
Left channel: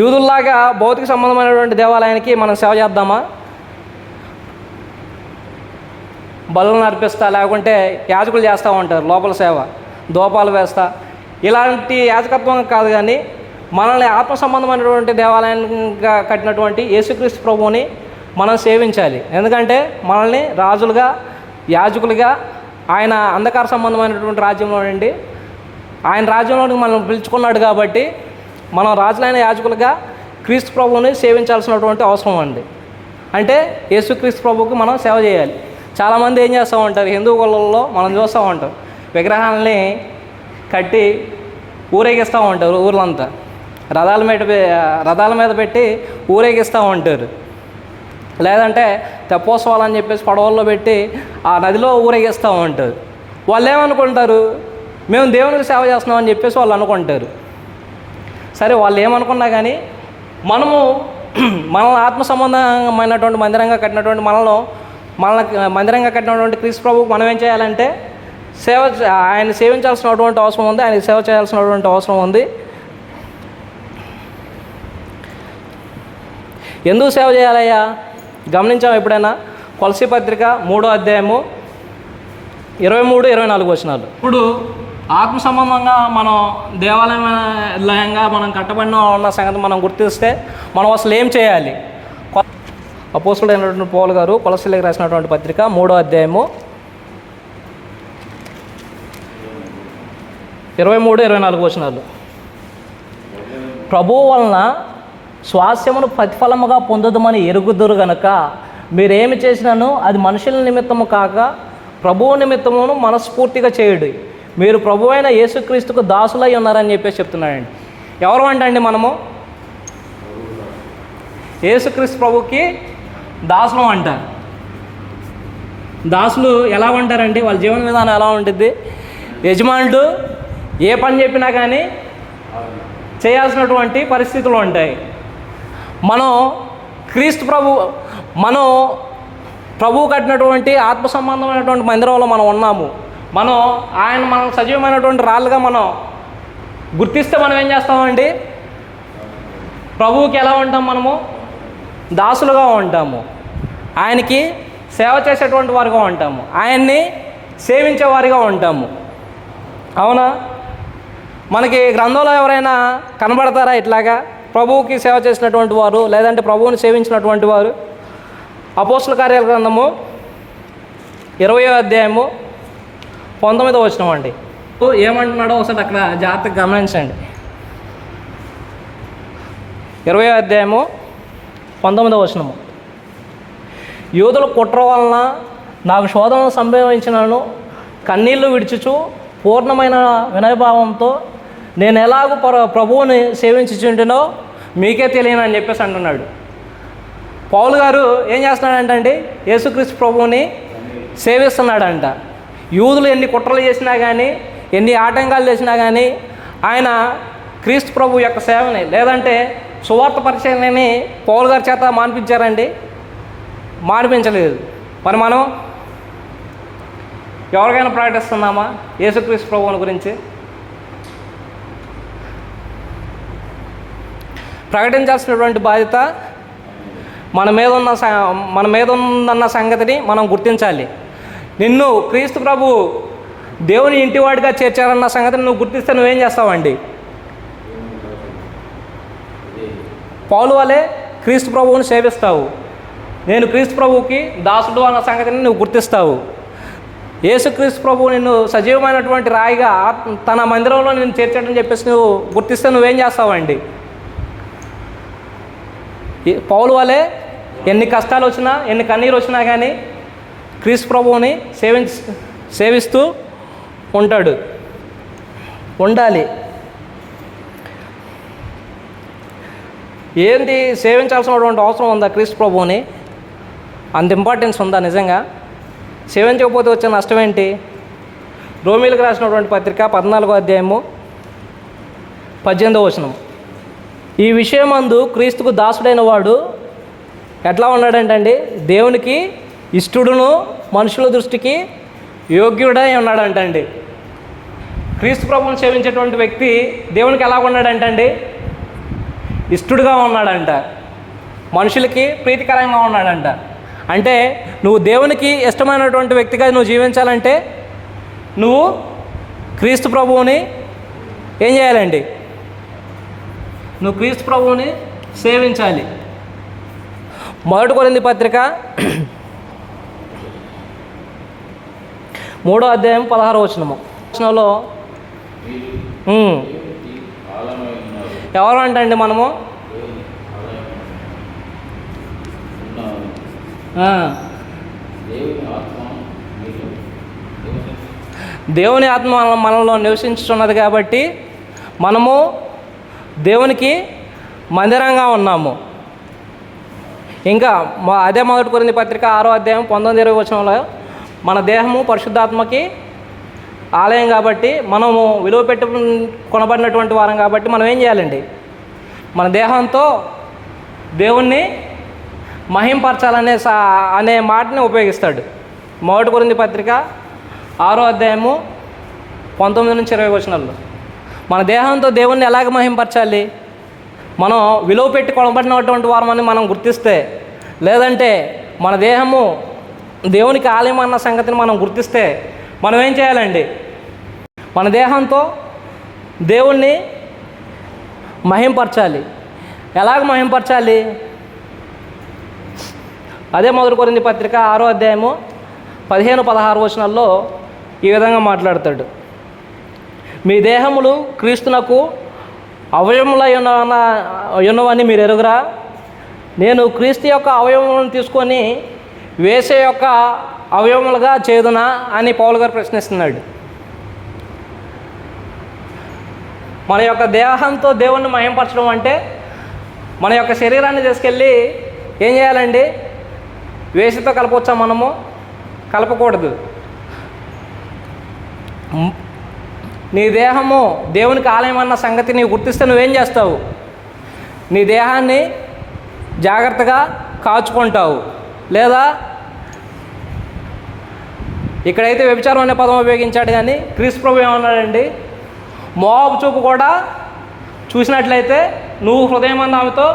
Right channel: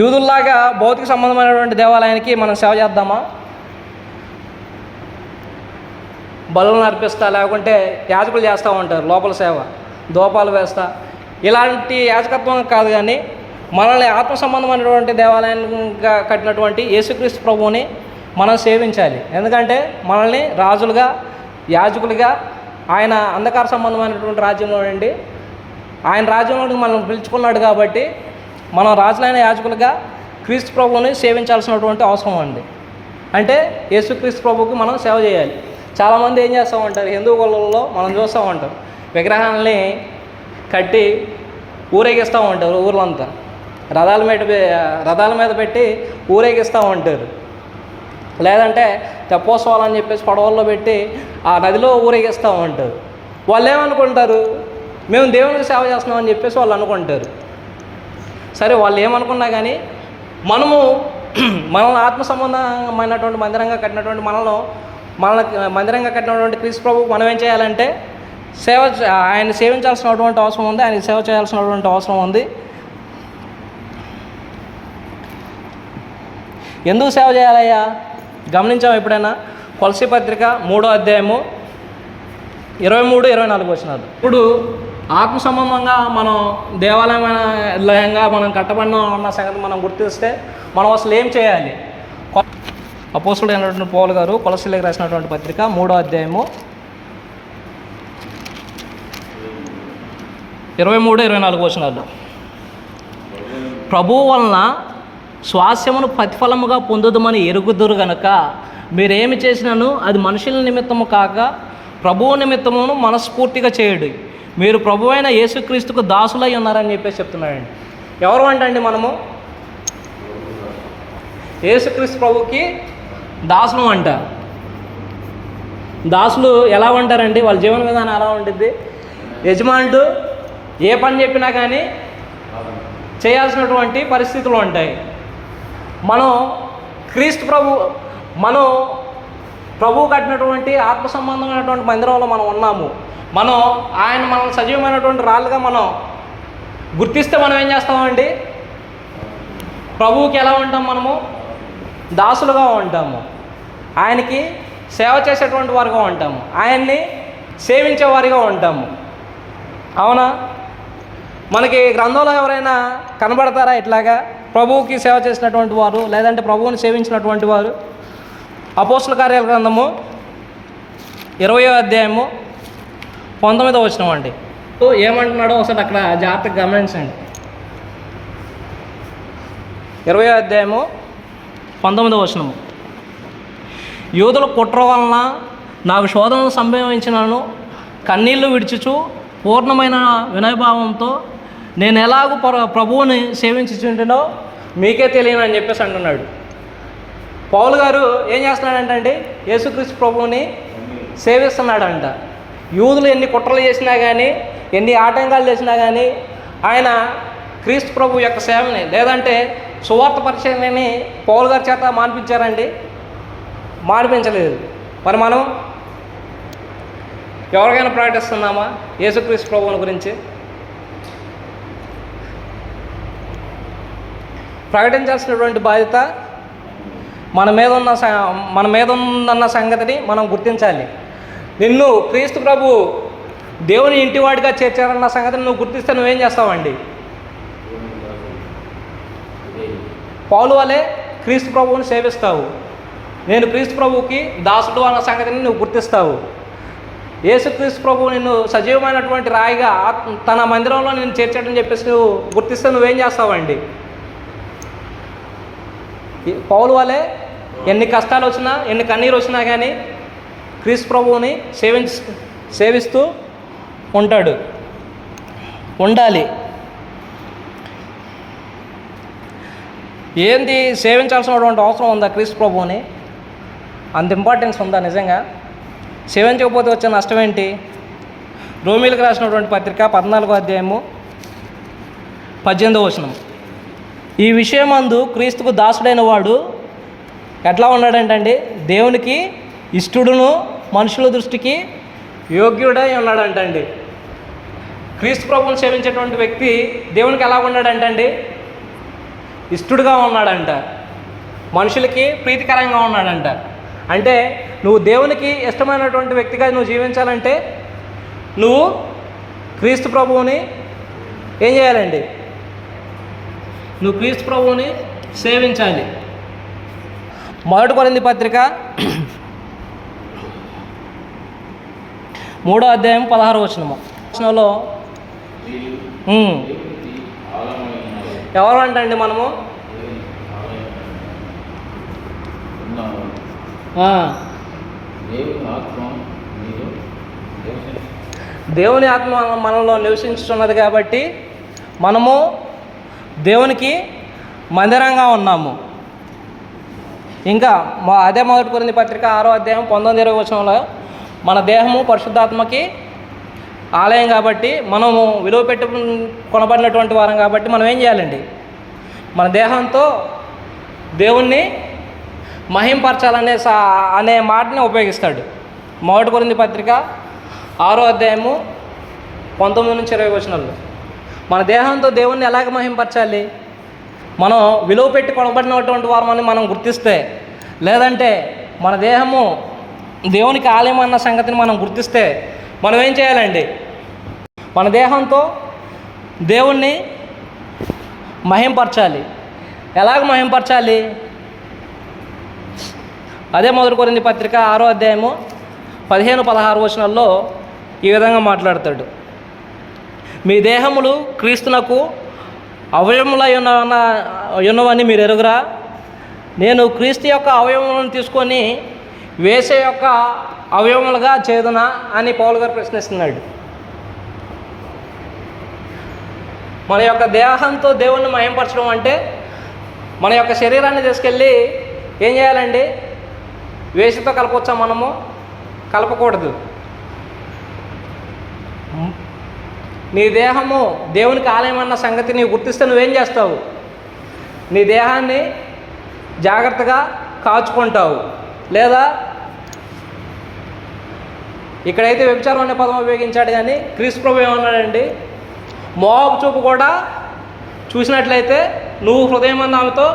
యూదుల్లాగా భౌతిక సంబంధమైనటువంటి దేవాలయానికి మనం సేవ చేద్దామా? బలులను అర్పిస్తా, లేకుంటే యాజకులు చేస్తూ ఉంటారు లోపల సేవ, దోపాలు వేస్తా, ఇలాంటి యాజకత్వం కాదు. కానీ మనల్ని ఆత్మ సంబంధమైనటువంటి దేవాలయంగా కట్టినటువంటి యేసుక్రీస్తు ప్రభువుని మనం సేవించాలి. ఎందుకంటే మనల్ని రాజులుగా, యాజకులుగా ఆయన అంధకార సంబంధమైనటువంటి రాజ్యంలో నుండి ఆయన రాజ్యంలోకి మనం పిలుచుకున్నాడు. కాబట్టి మనం రాజులైన యాజకులుగా క్రీస్తు ప్రభువుని సేవించాల్సినటువంటి అవసరం ఉంది. అంటే యేసుక్రీస్తు ప్రభువుకు మనం సేవ చేయాలి. చాలామంది ఏం చేస్తూ ఉంటారు, హిందూ కులంలో మనం చూస్తూ ఉంటాం, విగ్రహాలని కట్టి ఊరేగిస్తూ ఉంటారు. ఊర్లంతా రథాల మీద పెట్టి ఊరేగిస్తూ ఉంటారు. లేదంటే తెప్పోత్సవాలు అని చెప్పేసి పడవల్లో పెట్టి ఆ నదిలో ఊరేగిస్తూ ఉంటారు. వాళ్ళు ఏమనుకుంటారు, మేము దేవునికి సేవ చేస్తున్నామని చెప్పేసి వాళ్ళు అనుకుంటారు. సరే, వాళ్ళు ఏమనుకున్నా కానీ మనల్ని ఆత్మ సంబంధమైనటువంటి మందిరంగా కట్టినటువంటి మనల్ని మందిరంగా కట్టినటువంటి క్రీస్తు ప్రభువుకు మనం ఏం చేయాలంటే ఆయన సేవించాల్సినటువంటి అవసరం ఉంది, ఆయన సేవ చేయాల్సినటువంటి అవసరం ఉంది. ఎందుకు సేవ చేయాలయ్యా? గమనించాము ఎప్పుడైనా? కొలసీ పత్రిక 3వ అధ్యాయము 23-24 వచనాలు. ఇప్పుడు ఆత్మ సంబంధంగా మనం దేవాలయంగా మనం కట్టబడిన ఉన్న సంగతి మనం గుర్తిస్తే మనం అసలు ఏం చేయాలి? అపోస్తలుడైనటువంటి పౌలు గారు కొలసీలకు రాసినటువంటి పత్రిక 3వ అధ్యాయము 23-24 వచనాలు. ప్రభువు వలన స్వాస్యమును ప్రతిఫలముగా పొందుదమని ఎరుగుదురు గనుక మీరేమి చేసినాను అది మనుషుల నిమిత్తము కాక ప్రభువు నిమిత్తమును మనస్ఫూర్తిగా చేయుడి. మీరు ప్రభు అయిన యేసుక్రీస్తుకు దాసులై ఉన్నారని చెప్పేసి చెప్తున్నాడండి. ఎవరు అంటండి? మనము యేసుక్రీస్తు ప్రభుకి దాసులం అంటారు. దాసులు ఎలా ఉంటారండి? వాళ్ళ జీవన విధానం ఎలా ఉంటుంది? యజమానుడు ఏ పని చెప్పినా కానీ చేయాల్సినటువంటి పరిస్థితులు ఉంటాయి. మనం ప్రభువు కట్టినటువంటి ఆత్మ సంబంధమైనటువంటి మందిరంలో మనం ఉన్నాము. మనం సజీవమైనటువంటి రాళ్ళుగా మనం గుర్తిస్తే మనం ఏం చేస్తామండి? ప్రభువుకి ఎలా ఉంటాం? మనము దాసులుగా ఉంటాము, ఆయనకి సేవ చేసేటువంటి వారుగా ఉంటాము, ఆయన్ని సేవించేవారుగా ఉంటాము. అవునా? మనకి గ్రంథంలో ఎవరైనా కనబడతారా ఇట్లాగా ప్రభువుకి సేవ చేసినటువంటి వారు, లేదంటే ప్రభువుని సేవించినటువంటి వారు? అపోస్తల కార్యాల గ్రంథము 20వ అధ్యాయము 19వ వచనం అండి. ఏమంటున్నాడో ఒకసారి అక్కడ జాగ్రత్తగా గమనించండి. 20వ అధ్యాయము 19వ వచనము. యూదుల కుట్ర వలన నాకు శోధనను సంభవించినను కన్నీళ్లు విడిచుచు పూర్ణమైన వినయభావంతో నేను ఎలాగో ప్రభువుని సేవించుచుంటేనో మీకే తెలియను అని చెప్పేసి అంటున్నాడు. పౌలు గారు ఏం చేస్తున్నాడంటే యేసుక్రీస్తు ప్రభువుని సేవిస్తున్నాడంట. యూదులు ఎన్ని కుట్రలు చేసినా కానీ, ఎన్ని ఆటంకాలు చేసినా కానీ ఆయన క్రీస్తు ప్రభు యొక్క సేవని, లేదంటే సువార్త పరిచయాన్ని పౌలు గారి చేత మానిపించారండి? మానిపించలేదు. మరి మనం ఎవరికైనా ప్రకటిస్తున్నామా యేసుక్రీస్తు ప్రభువుని గురించి? ప్రకటించాల్సినటువంటి బాధ్యత మన మీద ఉందన్న సంగతిని మనం గుర్తించాలి. నిన్ను క్రీస్తు ప్రభు దేవుని ఇంటివాడిగా చేర్చారన్న సంగతిని నువ్వు గుర్తిస్తే నువ్వేం చేస్తావండి? పౌలు వలె క్రీస్తు ప్రభువుని సేవిస్తావు. నేను క్రీస్తు ప్రభువుకి దాసుడు అన్న సంగతిని నువ్వు గుర్తిస్తావు. యేసుక్రీస్తు ప్రభువు నిన్ను సజీవమైనటువంటి రాయిగా తన మందిరంలో నేను చేర్చాడని చెప్పేసి నువ్వు గుర్తిస్తే నువ్వేం చేస్తావండి? పౌలు వలె ఎన్ని కష్టాలు వచ్చినా, ఎన్ని కన్నీరు వచ్చినా కానీ క్రీస్తు ప్రభువుని సేవిస్తూ ఉండాలి. ఏంది సేవించాల్సినటువంటి అవసరం ఉందా క్రీస్తు ప్రభువుని? అంత ఇంపార్టెన్స్ ఉందా నిజంగా? సేవించకపోతే వచ్చే నష్టం ఏంటి? రోమీలకు రాసినటువంటి పత్రిక 14వ అధ్యాయము 18వ వచనం. ఈ విషయమందు క్రీస్తుకు దాసుడైన వాడు ఎట్లా ఉన్నాడంటండి? దేవునికి ఇష్టడును మనుషుల దృష్టికి యోగ్యుడై ఉన్నాడంటండి. క్రీస్తు ప్రభువుని సేవించేటువంటి వ్యక్తి దేవునికి ఎలా ఉన్నాడంటండి? ఇష్టడుగా ఉన్నాడంట, మనుషులకి ప్రీతికరంగా ఉన్నాడంట. అంటే నువ్వు దేవునికి ఇష్టమైనటువంటి వ్యక్తిగా నువ్వు జీవించాలంటే నువ్వు క్రీస్తు ప్రభువుని ఏం చేయాలండి? నువ్వు క్రీస్తు ప్రభువుని సేవించాలి. 1 కొరింథీ పత్రిక 3వ అధ్యాయం 16వ వచనంలో ఎవరంటండి మనము? దేవుని ఆత్మ మనలో నివసించుతున్నది కాబట్టి మనము దేవునికి మందిరంగా ఉన్నాము. ఇంకా అదే 1 కొరింథీ పత్రిక 6వ అధ్యాయం 19-20 వచనంలో మన దేహము పరిశుద్ధాత్మకి ఆలయం కాబట్టి, మనము విలువ పెట్టి కొనబడినటువంటి వారం కాబట్టి మనం ఏం చేయాలండి? మన దేహంతో దేవుణ్ణి మహింపరచాలనే అనే మాటని ఉపయోగిస్తాడు. 1 కొరింథీ పత్రిక 6వ అధ్యాయము 19-20 వచనాల్లో మన దేహంతో దేవుణ్ణి ఎలాగ మహింపరచాలి? మనం విలువ పెట్టి కొనబడినటువంటి వారమని మనం గుర్తిస్తే, లేదంటే మన దేహము దేవునికి ఆలయం అన్న సంగతిని మనం గుర్తిస్తే మనం ఏం చేయాలండి? మన దేహంతో దేవుణ్ణి మహింపరచాలి. ఎలాగ మహింపరచాలి? అదే 1 కొరింథీ పత్రిక 6వ అధ్యాయము 15-16 వచనాల్లో ఈ విధంగా మాట్లాడతాడు. మీ దేహములు క్రీస్తునకు అవయవములై ఉన్నవని మీరు ఎరుగురా? నేను క్రీస్తు యొక్క అవయవములను తీసుకొని వేసే యొక్క అవయవములుగా చేదునా అని పౌలు గారు ప్రశ్నిస్తున్నాడు. మన యొక్క దేహంతో దేవుణ్ణి మహింపరచడం అంటే మన యొక్క శరీరాన్ని తీసుకెళ్ళి ఏం చేయాలండి? వేసితో కలపవచ్చా? మనము కలపకూడదు. నీ దేహము దేవునికి ఆలయం అన్న సంగతి నీవు గుర్తిస్తే నువ్వేం చేస్తావు? నీ దేహాన్ని జాగ్రత్తగా కాచుకుంటావు. లేదా ఇక్కడైతే వ్యభిచారం అనే పదం ఉపయోగించాడు, కానీ క్రీస్తు ప్రభు ఏమన్నాడండి? మోహపు చూపు కూడా చూసినట్లయితే నువ్వు హృదయం అన్న ఆమెతో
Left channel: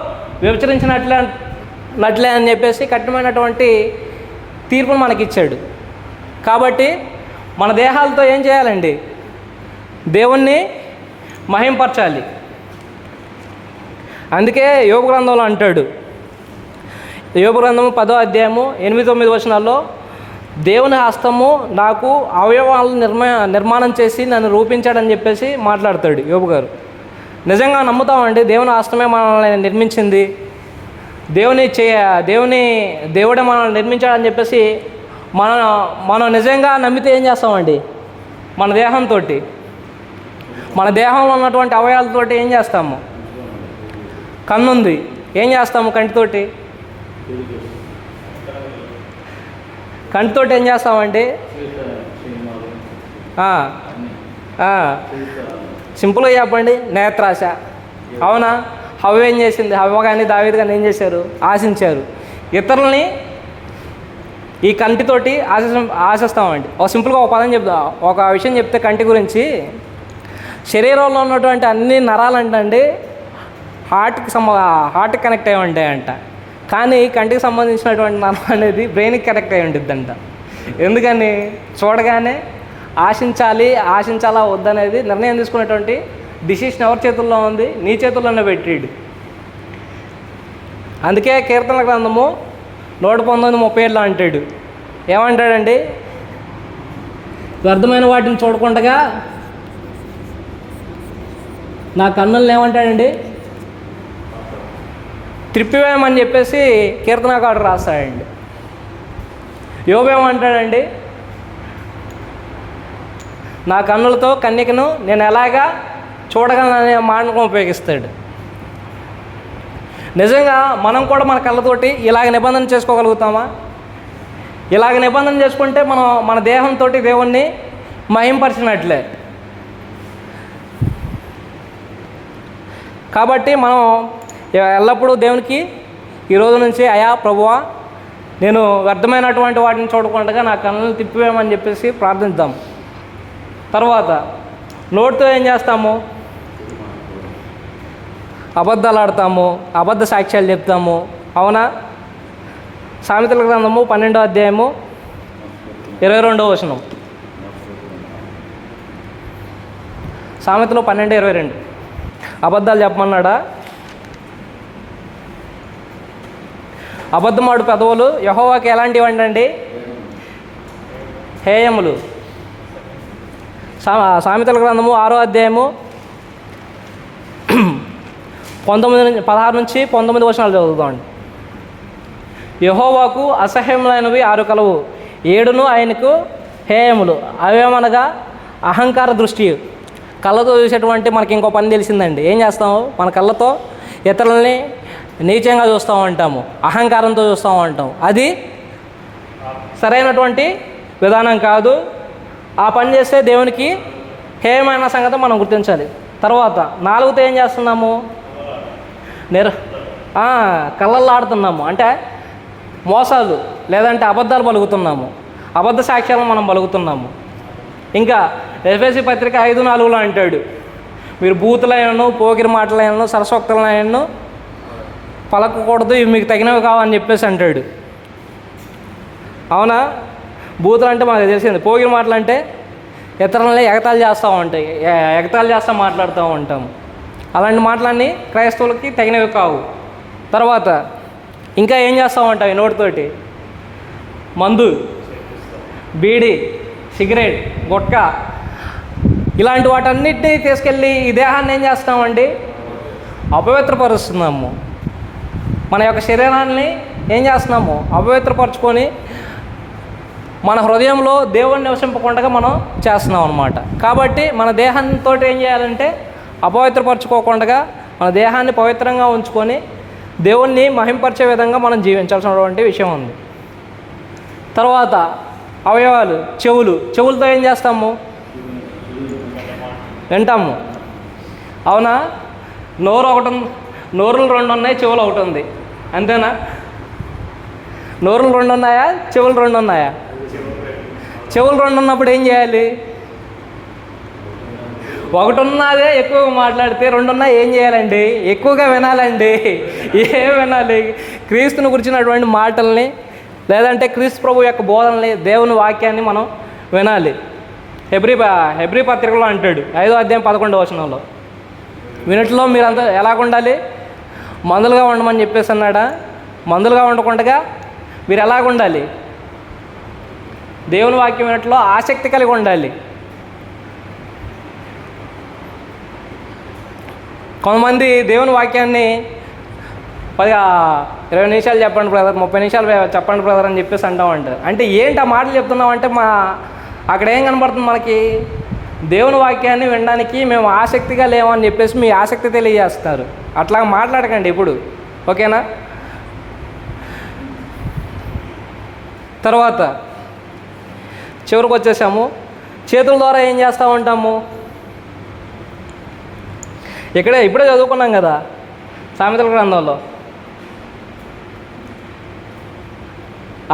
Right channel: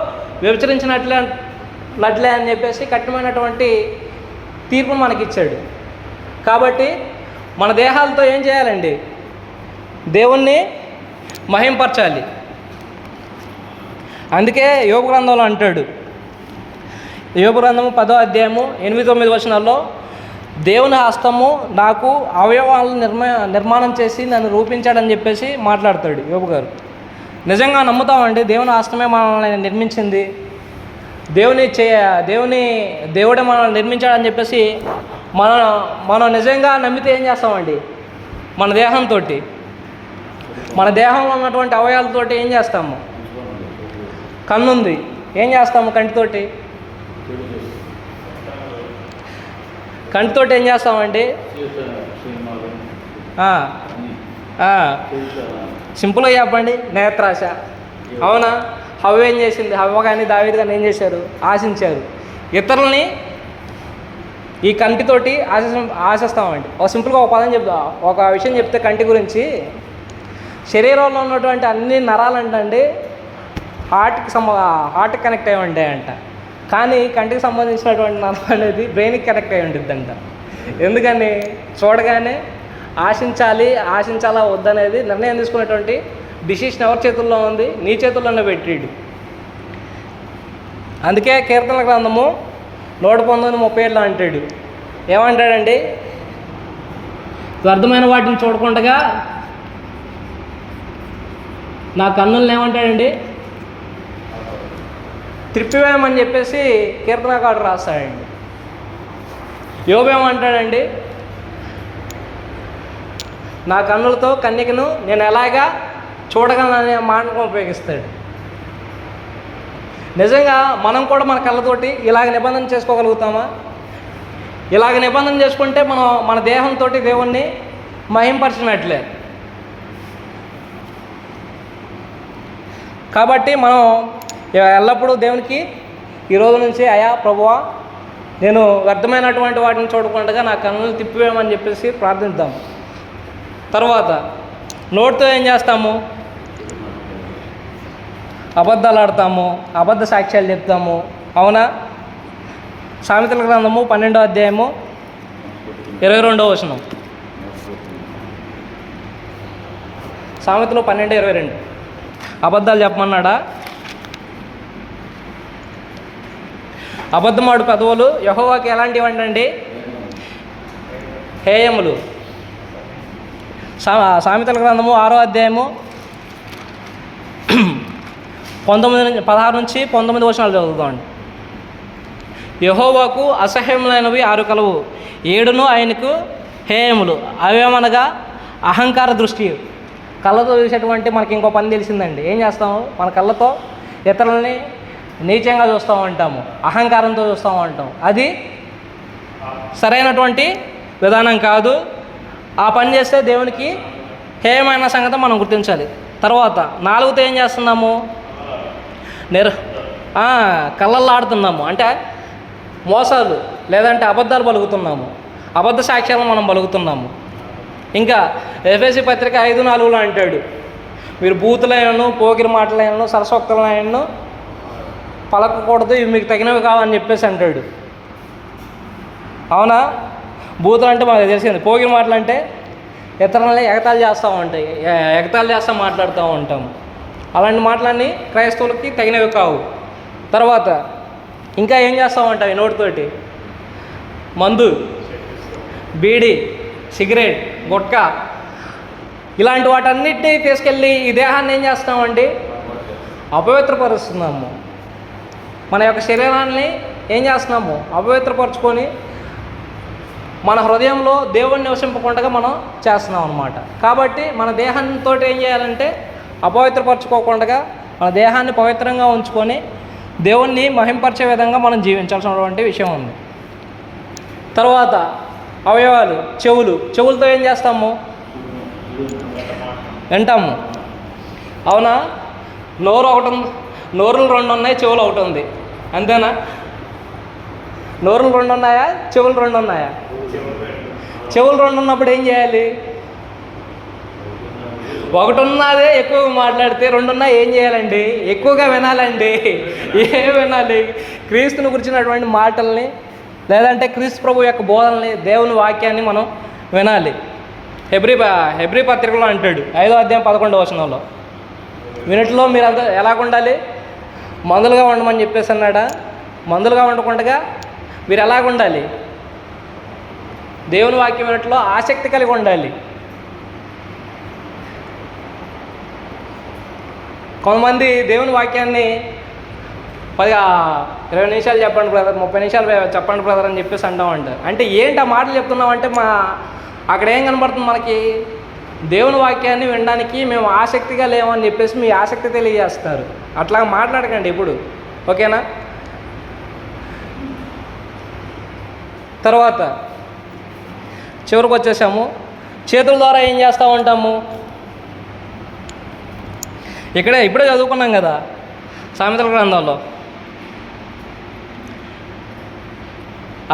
వ్యభిచరించినట్లే అని చెప్పేసి కఠినమైనటువంటి తీర్పును మనకిచ్చాడు. కాబట్టి మన దేహాలతో ఏం చేయాలండి? దేవుణ్ణి మహింపరచాలి. అందుకే యోబు గ్రంథంలో అంటాడు, యోబు గ్రంథము 10వ అధ్యాయము 8-9 వచనాల్లో దేవుని హస్తము నాకు అవయవాలను నిర్మాణం చేసి నన్ను రూపించాడని చెప్పేసి మాట్లాడతాడు యోబు గారు. నిజంగా నమ్ముతామండి దేవుని హస్తమే మనల్ని నిర్మించింది, దేవుడే మనల్ని నిర్మించాడని చెప్పేసి మనం నిజంగా నమ్మితే ఏం చేస్తామండి? మన దేహంతో మన దేహంలో ఉన్నటువంటి అవయవాలతోటి ఏం చేస్తాము? కన్ను ఉంది, ఏం చేస్తాము కంటితోటి? కంటితోటి ఏం చేస్తామండి? సింపుల్గా చెప్పండి, నేత్రాశ. అవునా? హవ్వ ఏం చేసింది? హవ్వ కానీ దావీదు కానీ ఏం చేశారు? ఆశించారు. ఇతరులని ఈ కంటితోటి ఆశిస్తామండి. ఒక సింపుల్గా ఒక పదం చెప్తా, ఒక విషయం చెప్తే కంటి గురించి, శరీరంలో ఉన్నటువంటి అన్ని నరాలంటండి హార్ట్కి కనెక్ట్ అయి ఉంటాయంట. కానీ కంటికి సంబంధించినటువంటి నరం అనేది బ్రెయిన్కి కనెక్ట్ అయి ఉంటుందంట. ఎందుకని? చూడగానే ఆశించాలా వద్దనేది నిర్ణయం తీసుకున్నటువంటి డిసిషన్ ఎవరి చేతుల్లో ఉంది? నీ చేతుల్లోనే పెట్టిడు. అందుకే కీర్తన గ్రంథము 119:37 అంటాడు. ఏమంటాడండి? వ్యర్థమైన వాటిని చూడకుండా నా కన్నులను ఏమంటాడండి? త్రిప్పివేయమని చెప్పేసి కీర్తనకారుడు రాస్తాడండి. యోబు ఏమంటాడండి? నా కన్నులతో కన్యకను నేను ఎలాగా చూడగలననే మాటను ఉపయోగిస్తాడు. నిజంగా మనం కూడా మన కళ్ళతోటి ఇలాగ నిబంధన చేసుకోగలుగుతామా? ఇలాగ నిబంధన చేసుకుంటే మనం మన దేహంతో దేవుణ్ణి మహింపరచినట్లే. కాబట్టి మనం ఎల్లప్పుడూ దేవునికి ఈరోజు నుంచి, అయా ప్రభువా, నేను వ్యర్థమైనటువంటి వాటిని చూడకుండా నా కళ్ళని తిప్పివేయమని చెప్పేసి ప్రార్థిద్దాం. తర్వాత నోటితో ఏం చేస్తాము? అబద్ధాలు ఆడతాము, అబద్ధ సాక్ష్యాలు చెప్తాము. అవునా? సామెతల గ్రంథము 12:22. సామెతలు 12:22. అబద్ధాలు చెప్పమన్నాడా? అబద్ధమాడు పెదవులు యెహోవాకి ఎలాంటివి అండి? హేయములు. సామెతల గ్రంథము 6:16-19 చదువుతామండి. యెహోవాకు అసహ్యములైనవి 6 కలవు, 7 ఆయనకు హేయములు. అవేమనగా అహంకార దృష్టి. కళ్ళతో చూసేటువంటి మనకి ఇంకో పని తెలిసిందండి. ఏం చేస్తాము? మన కళ్ళతో ఇతరులని నీచంగా చూస్తూ ఉంటాము, అహంకారంతో చూస్తూ ఉంటాం. అది సరైనటువంటి విధానం కాదు. ఆ పని చేస్తే దేవునికి హేయమైన సంగతి మనం గుర్తించాలి. తర్వాత 4తో ఏం చేస్తున్నాము? కళ్ళల్లో ఆడుతున్నాము, అంటే మోసాలు లేదంటే అబద్ధాలు పలుకుతున్నాము, అబద్ధ సాక్ష్యాలను మనం పలుకుతున్నాము. ఇంకా ఎఫెసీ పత్రిక 5:4 అంటాడు, మీరు బూతులైనను, పోకిరి మాటలైనను, సరస్వక్తులైనను పలకకూడదు, ఇవి మీకు తగినవి కావని చెప్పేసి అంటాడు. అవునా? బూతులు అంటే మనకు తెలిసింది. పోకిరి మాటలు అంటే ఇతరులని ఎగతాళి చేస్తూ మాట్లాడుతూ ఉంటాము. అలాంటి మాటలన్నీ క్రైస్తవులకి తగినవి కావు. తర్వాత ఇంకా ఏం చేస్తూ ఉంటాయి? నోటితోటి మందు, బీడి, సిగరెట్, గుట్కా, ఇలాంటి వాటన్నిటినీ తీసుకెళ్ళి ఈ దేహాన్ని ఏం చేస్తామండి? అపవిత్రపరుస్తున్నాము. మన యొక్క శరీరాన్ని ఏం చేస్తున్నాము? అపవిత్రపరుచుకొని మన హృదయంలో దేవుణ్ణి నివసింపకుండా మనం చేస్తున్నాం అన్నమాట. కాబట్టి మన దేహంతో ఏం చేయాలంటే అపవిత్రపరచుకోకుండా మన దేహాన్ని పవిత్రంగా ఉంచుకొని దేవుణ్ణి మహింపరిచే విధంగా మనం జీవించాల్సినటువంటి విషయం ఉంది. తర్వాత అవయవాలు, చెవులతో ఏం చేస్తాము? వింటాము. అవునా? నోరులు 2 ఉన్నాయి, చెవులు 1 ఉంది. అంతేనా? నోరులు 2 ఉన్నాయా? చెవులు 2 ఉన్నాయా? చెవులు 2 ఉన్నప్పుడు ఏం చేయాలి? 1 ఉన్నదే ఎక్కువగా మాట్లాడితే, 2 ఉన్నా ఏం చేయాలండి? ఎక్కువగా వినాలండి. ఏం వినాలి? క్రీస్తుని గురించినటువంటి మాటల్ని, లేదంటే క్రీస్తు ప్రభు యొక్క బోధనల్ని, దేవుని వాక్యాన్ని మనం వినాలి. హెబ్రీ పత్రికలో అంటాడు 5:11 వినట్లో మీరంతా ఎలాగ ఉండాలి? మందులుగా ఉండమని చెప్పేసి అన్నాడా? మందులుగా ఉండకుండా మీరు ఎలాగ ఉండాలి? దేవుని వాక్యం వినట్లో ఆసక్తి కలిగి ఉండాలి. కొంతమంది దేవుని వాక్యాన్ని 20 నిమిషాలు చెప్పండి బ్రదర్, 30 నిమిషాలు చెప్పండి బ్రదర్ అని చెప్పేసి అంటామంట. అంటే ఏంటి ఆ మాటలు చెప్తున్నామంటే అక్కడ ఏం కనబడుతుంది మనకి? దేవుని వాక్యాన్ని వినడానికి మేము ఆసక్తిగా లేమని చెప్పేసి మీ ఆసక్తి తెలియజేస్తారు. అట్లా మాట్లాడకండి ఇప్పుడు, ఓకేనా? తర్వాత చివరికి వచ్చేసాము. చేతుల ద్వారా ఏం చేస్తూ ఉంటాము? ఇప్పుడే చదువుకున్నాం కదా సామెతల గ్రంథంలో,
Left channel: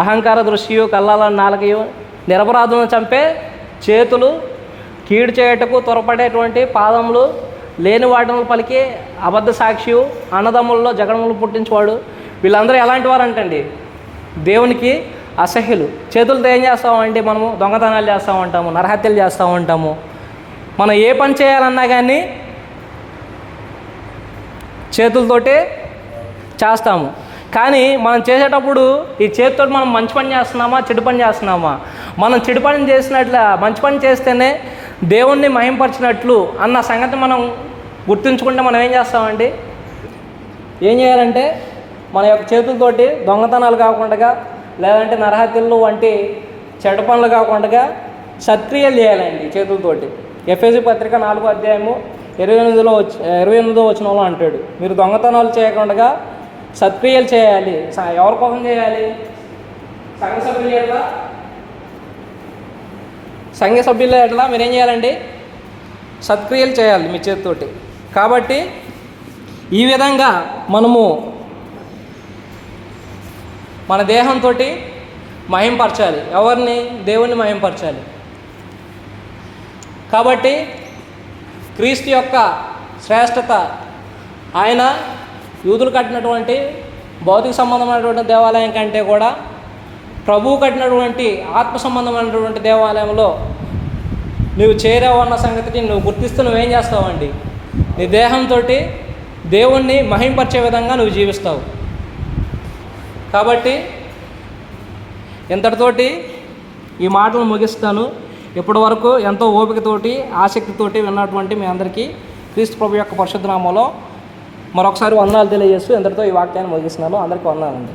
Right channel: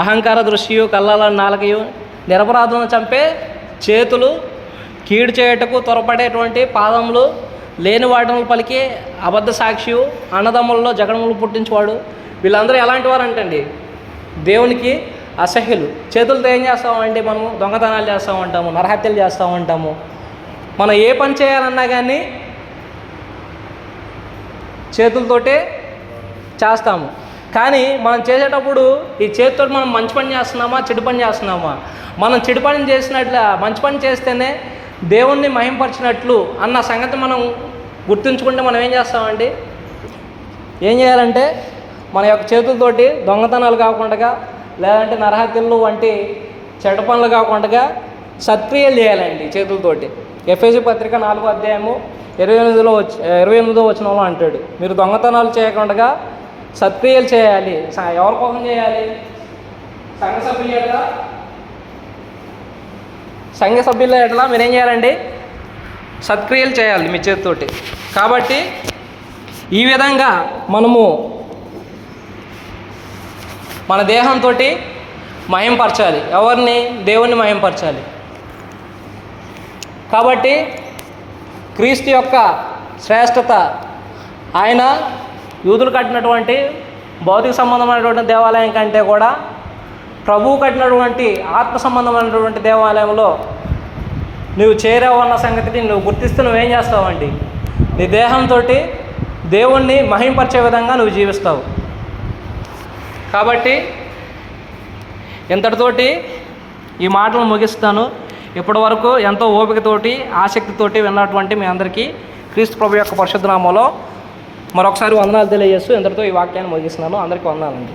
అహంకార దృష్టియు, కల్లాల నాలుకయు, నిరపరాధులను చంపే చేతులు, కీడు చేయటకు త్వరపడేటువంటి పాదములు, లేని వాటిని పలికి అబద్ధ సాక్షియు, అన్నదమ్ములలో జగడములు పుట్టించేవాడు. వీళ్ళందరూ ఎలాంటి వారు అంటండి? దేవునికి అసహ్యులు. చేతులతో ఏం చేస్తామంటే మనము దొంగతనాలు చేస్తూ ఉంటాము, నరహత్యలు చేస్తూ ఉంటాము. మనం ఏ పని చేయాలన్నా కానీ చేతులతోటే చేస్తాము. కానీ మనం చేసేటప్పుడు ఈ చేతితో మనం మంచి పని చేస్తున్నామా, చెడు పని చేస్తున్నామా? మనం చెడు పని చేసినట్ల మంచి పని చేస్తేనే దేవుణ్ణి మహింపరిచినట్లు అన్న సంగతి మనం గుర్తుంచుకుంటే మనం ఏం చేస్తామండి? ఏం చేయాలంటే మన యొక్క చేతులతోటి దొంగతనాలు కాకుండా, లేదంటే నరహత్యలు వంటి చెడ్డ పనులు కాకుండా సత్క్రియలు చేయాలండి చేతులతోటి. ఎఫెసీ పత్రిక 4వ అధ్యాయము 28వ వచనంలో అంటాడు, మీరు దొంగతనాలు చేయకుండా సత్క్రియలు చేయాలి. ఎవరి కోసం చేయాలి? సంఘ సభ్యుల ఎట్లా మీరేం చేయాలండి? సత్క్రియలు చేయాలి మీ చేతితోటి. కాబట్టి ఈ విధంగా మనము మన దేహంతో మహింపరచాలి. ఎవరిని? దేవుణ్ణి మహింపరచాలి. కాబట్టి క్రీస్తు యొక్క శ్రేష్టత, ఆయన యూదులు కట్టినటువంటి భౌతిక సంబంధమైనటువంటి దేవాలయం కంటే కూడా ప్రభువు కట్టినటువంటి ఆత్మ సంబంధమైనటువంటి దేవాలయంలో నువ్వు చేరావు అన్న సంగతిని నువ్వు గుర్తిస్తూ నువ్వేం చేస్తావండి? నీ దేహంతో దేవుణ్ణి మహింపరిచే విధంగా నువ్వు జీవిస్తావు. కాబట్టి ఇంతటితోటి ఈ మాటలు ముగిస్తాను. ఇప్పటి వరకు ఎంతో ఓపికతోటి ఆసక్తితోటి విన్నటువంటి మీ అందరికీ క్రీస్తు ప్రభు యొక్క పరిశుద్ధ నామములో మరొకసారి వందనాలు తెలియజేస్తూ ఇంతటితో ఈ వాక్యాన్ని ముగిస్తున్నాను. అందరికీ వందనాలండి.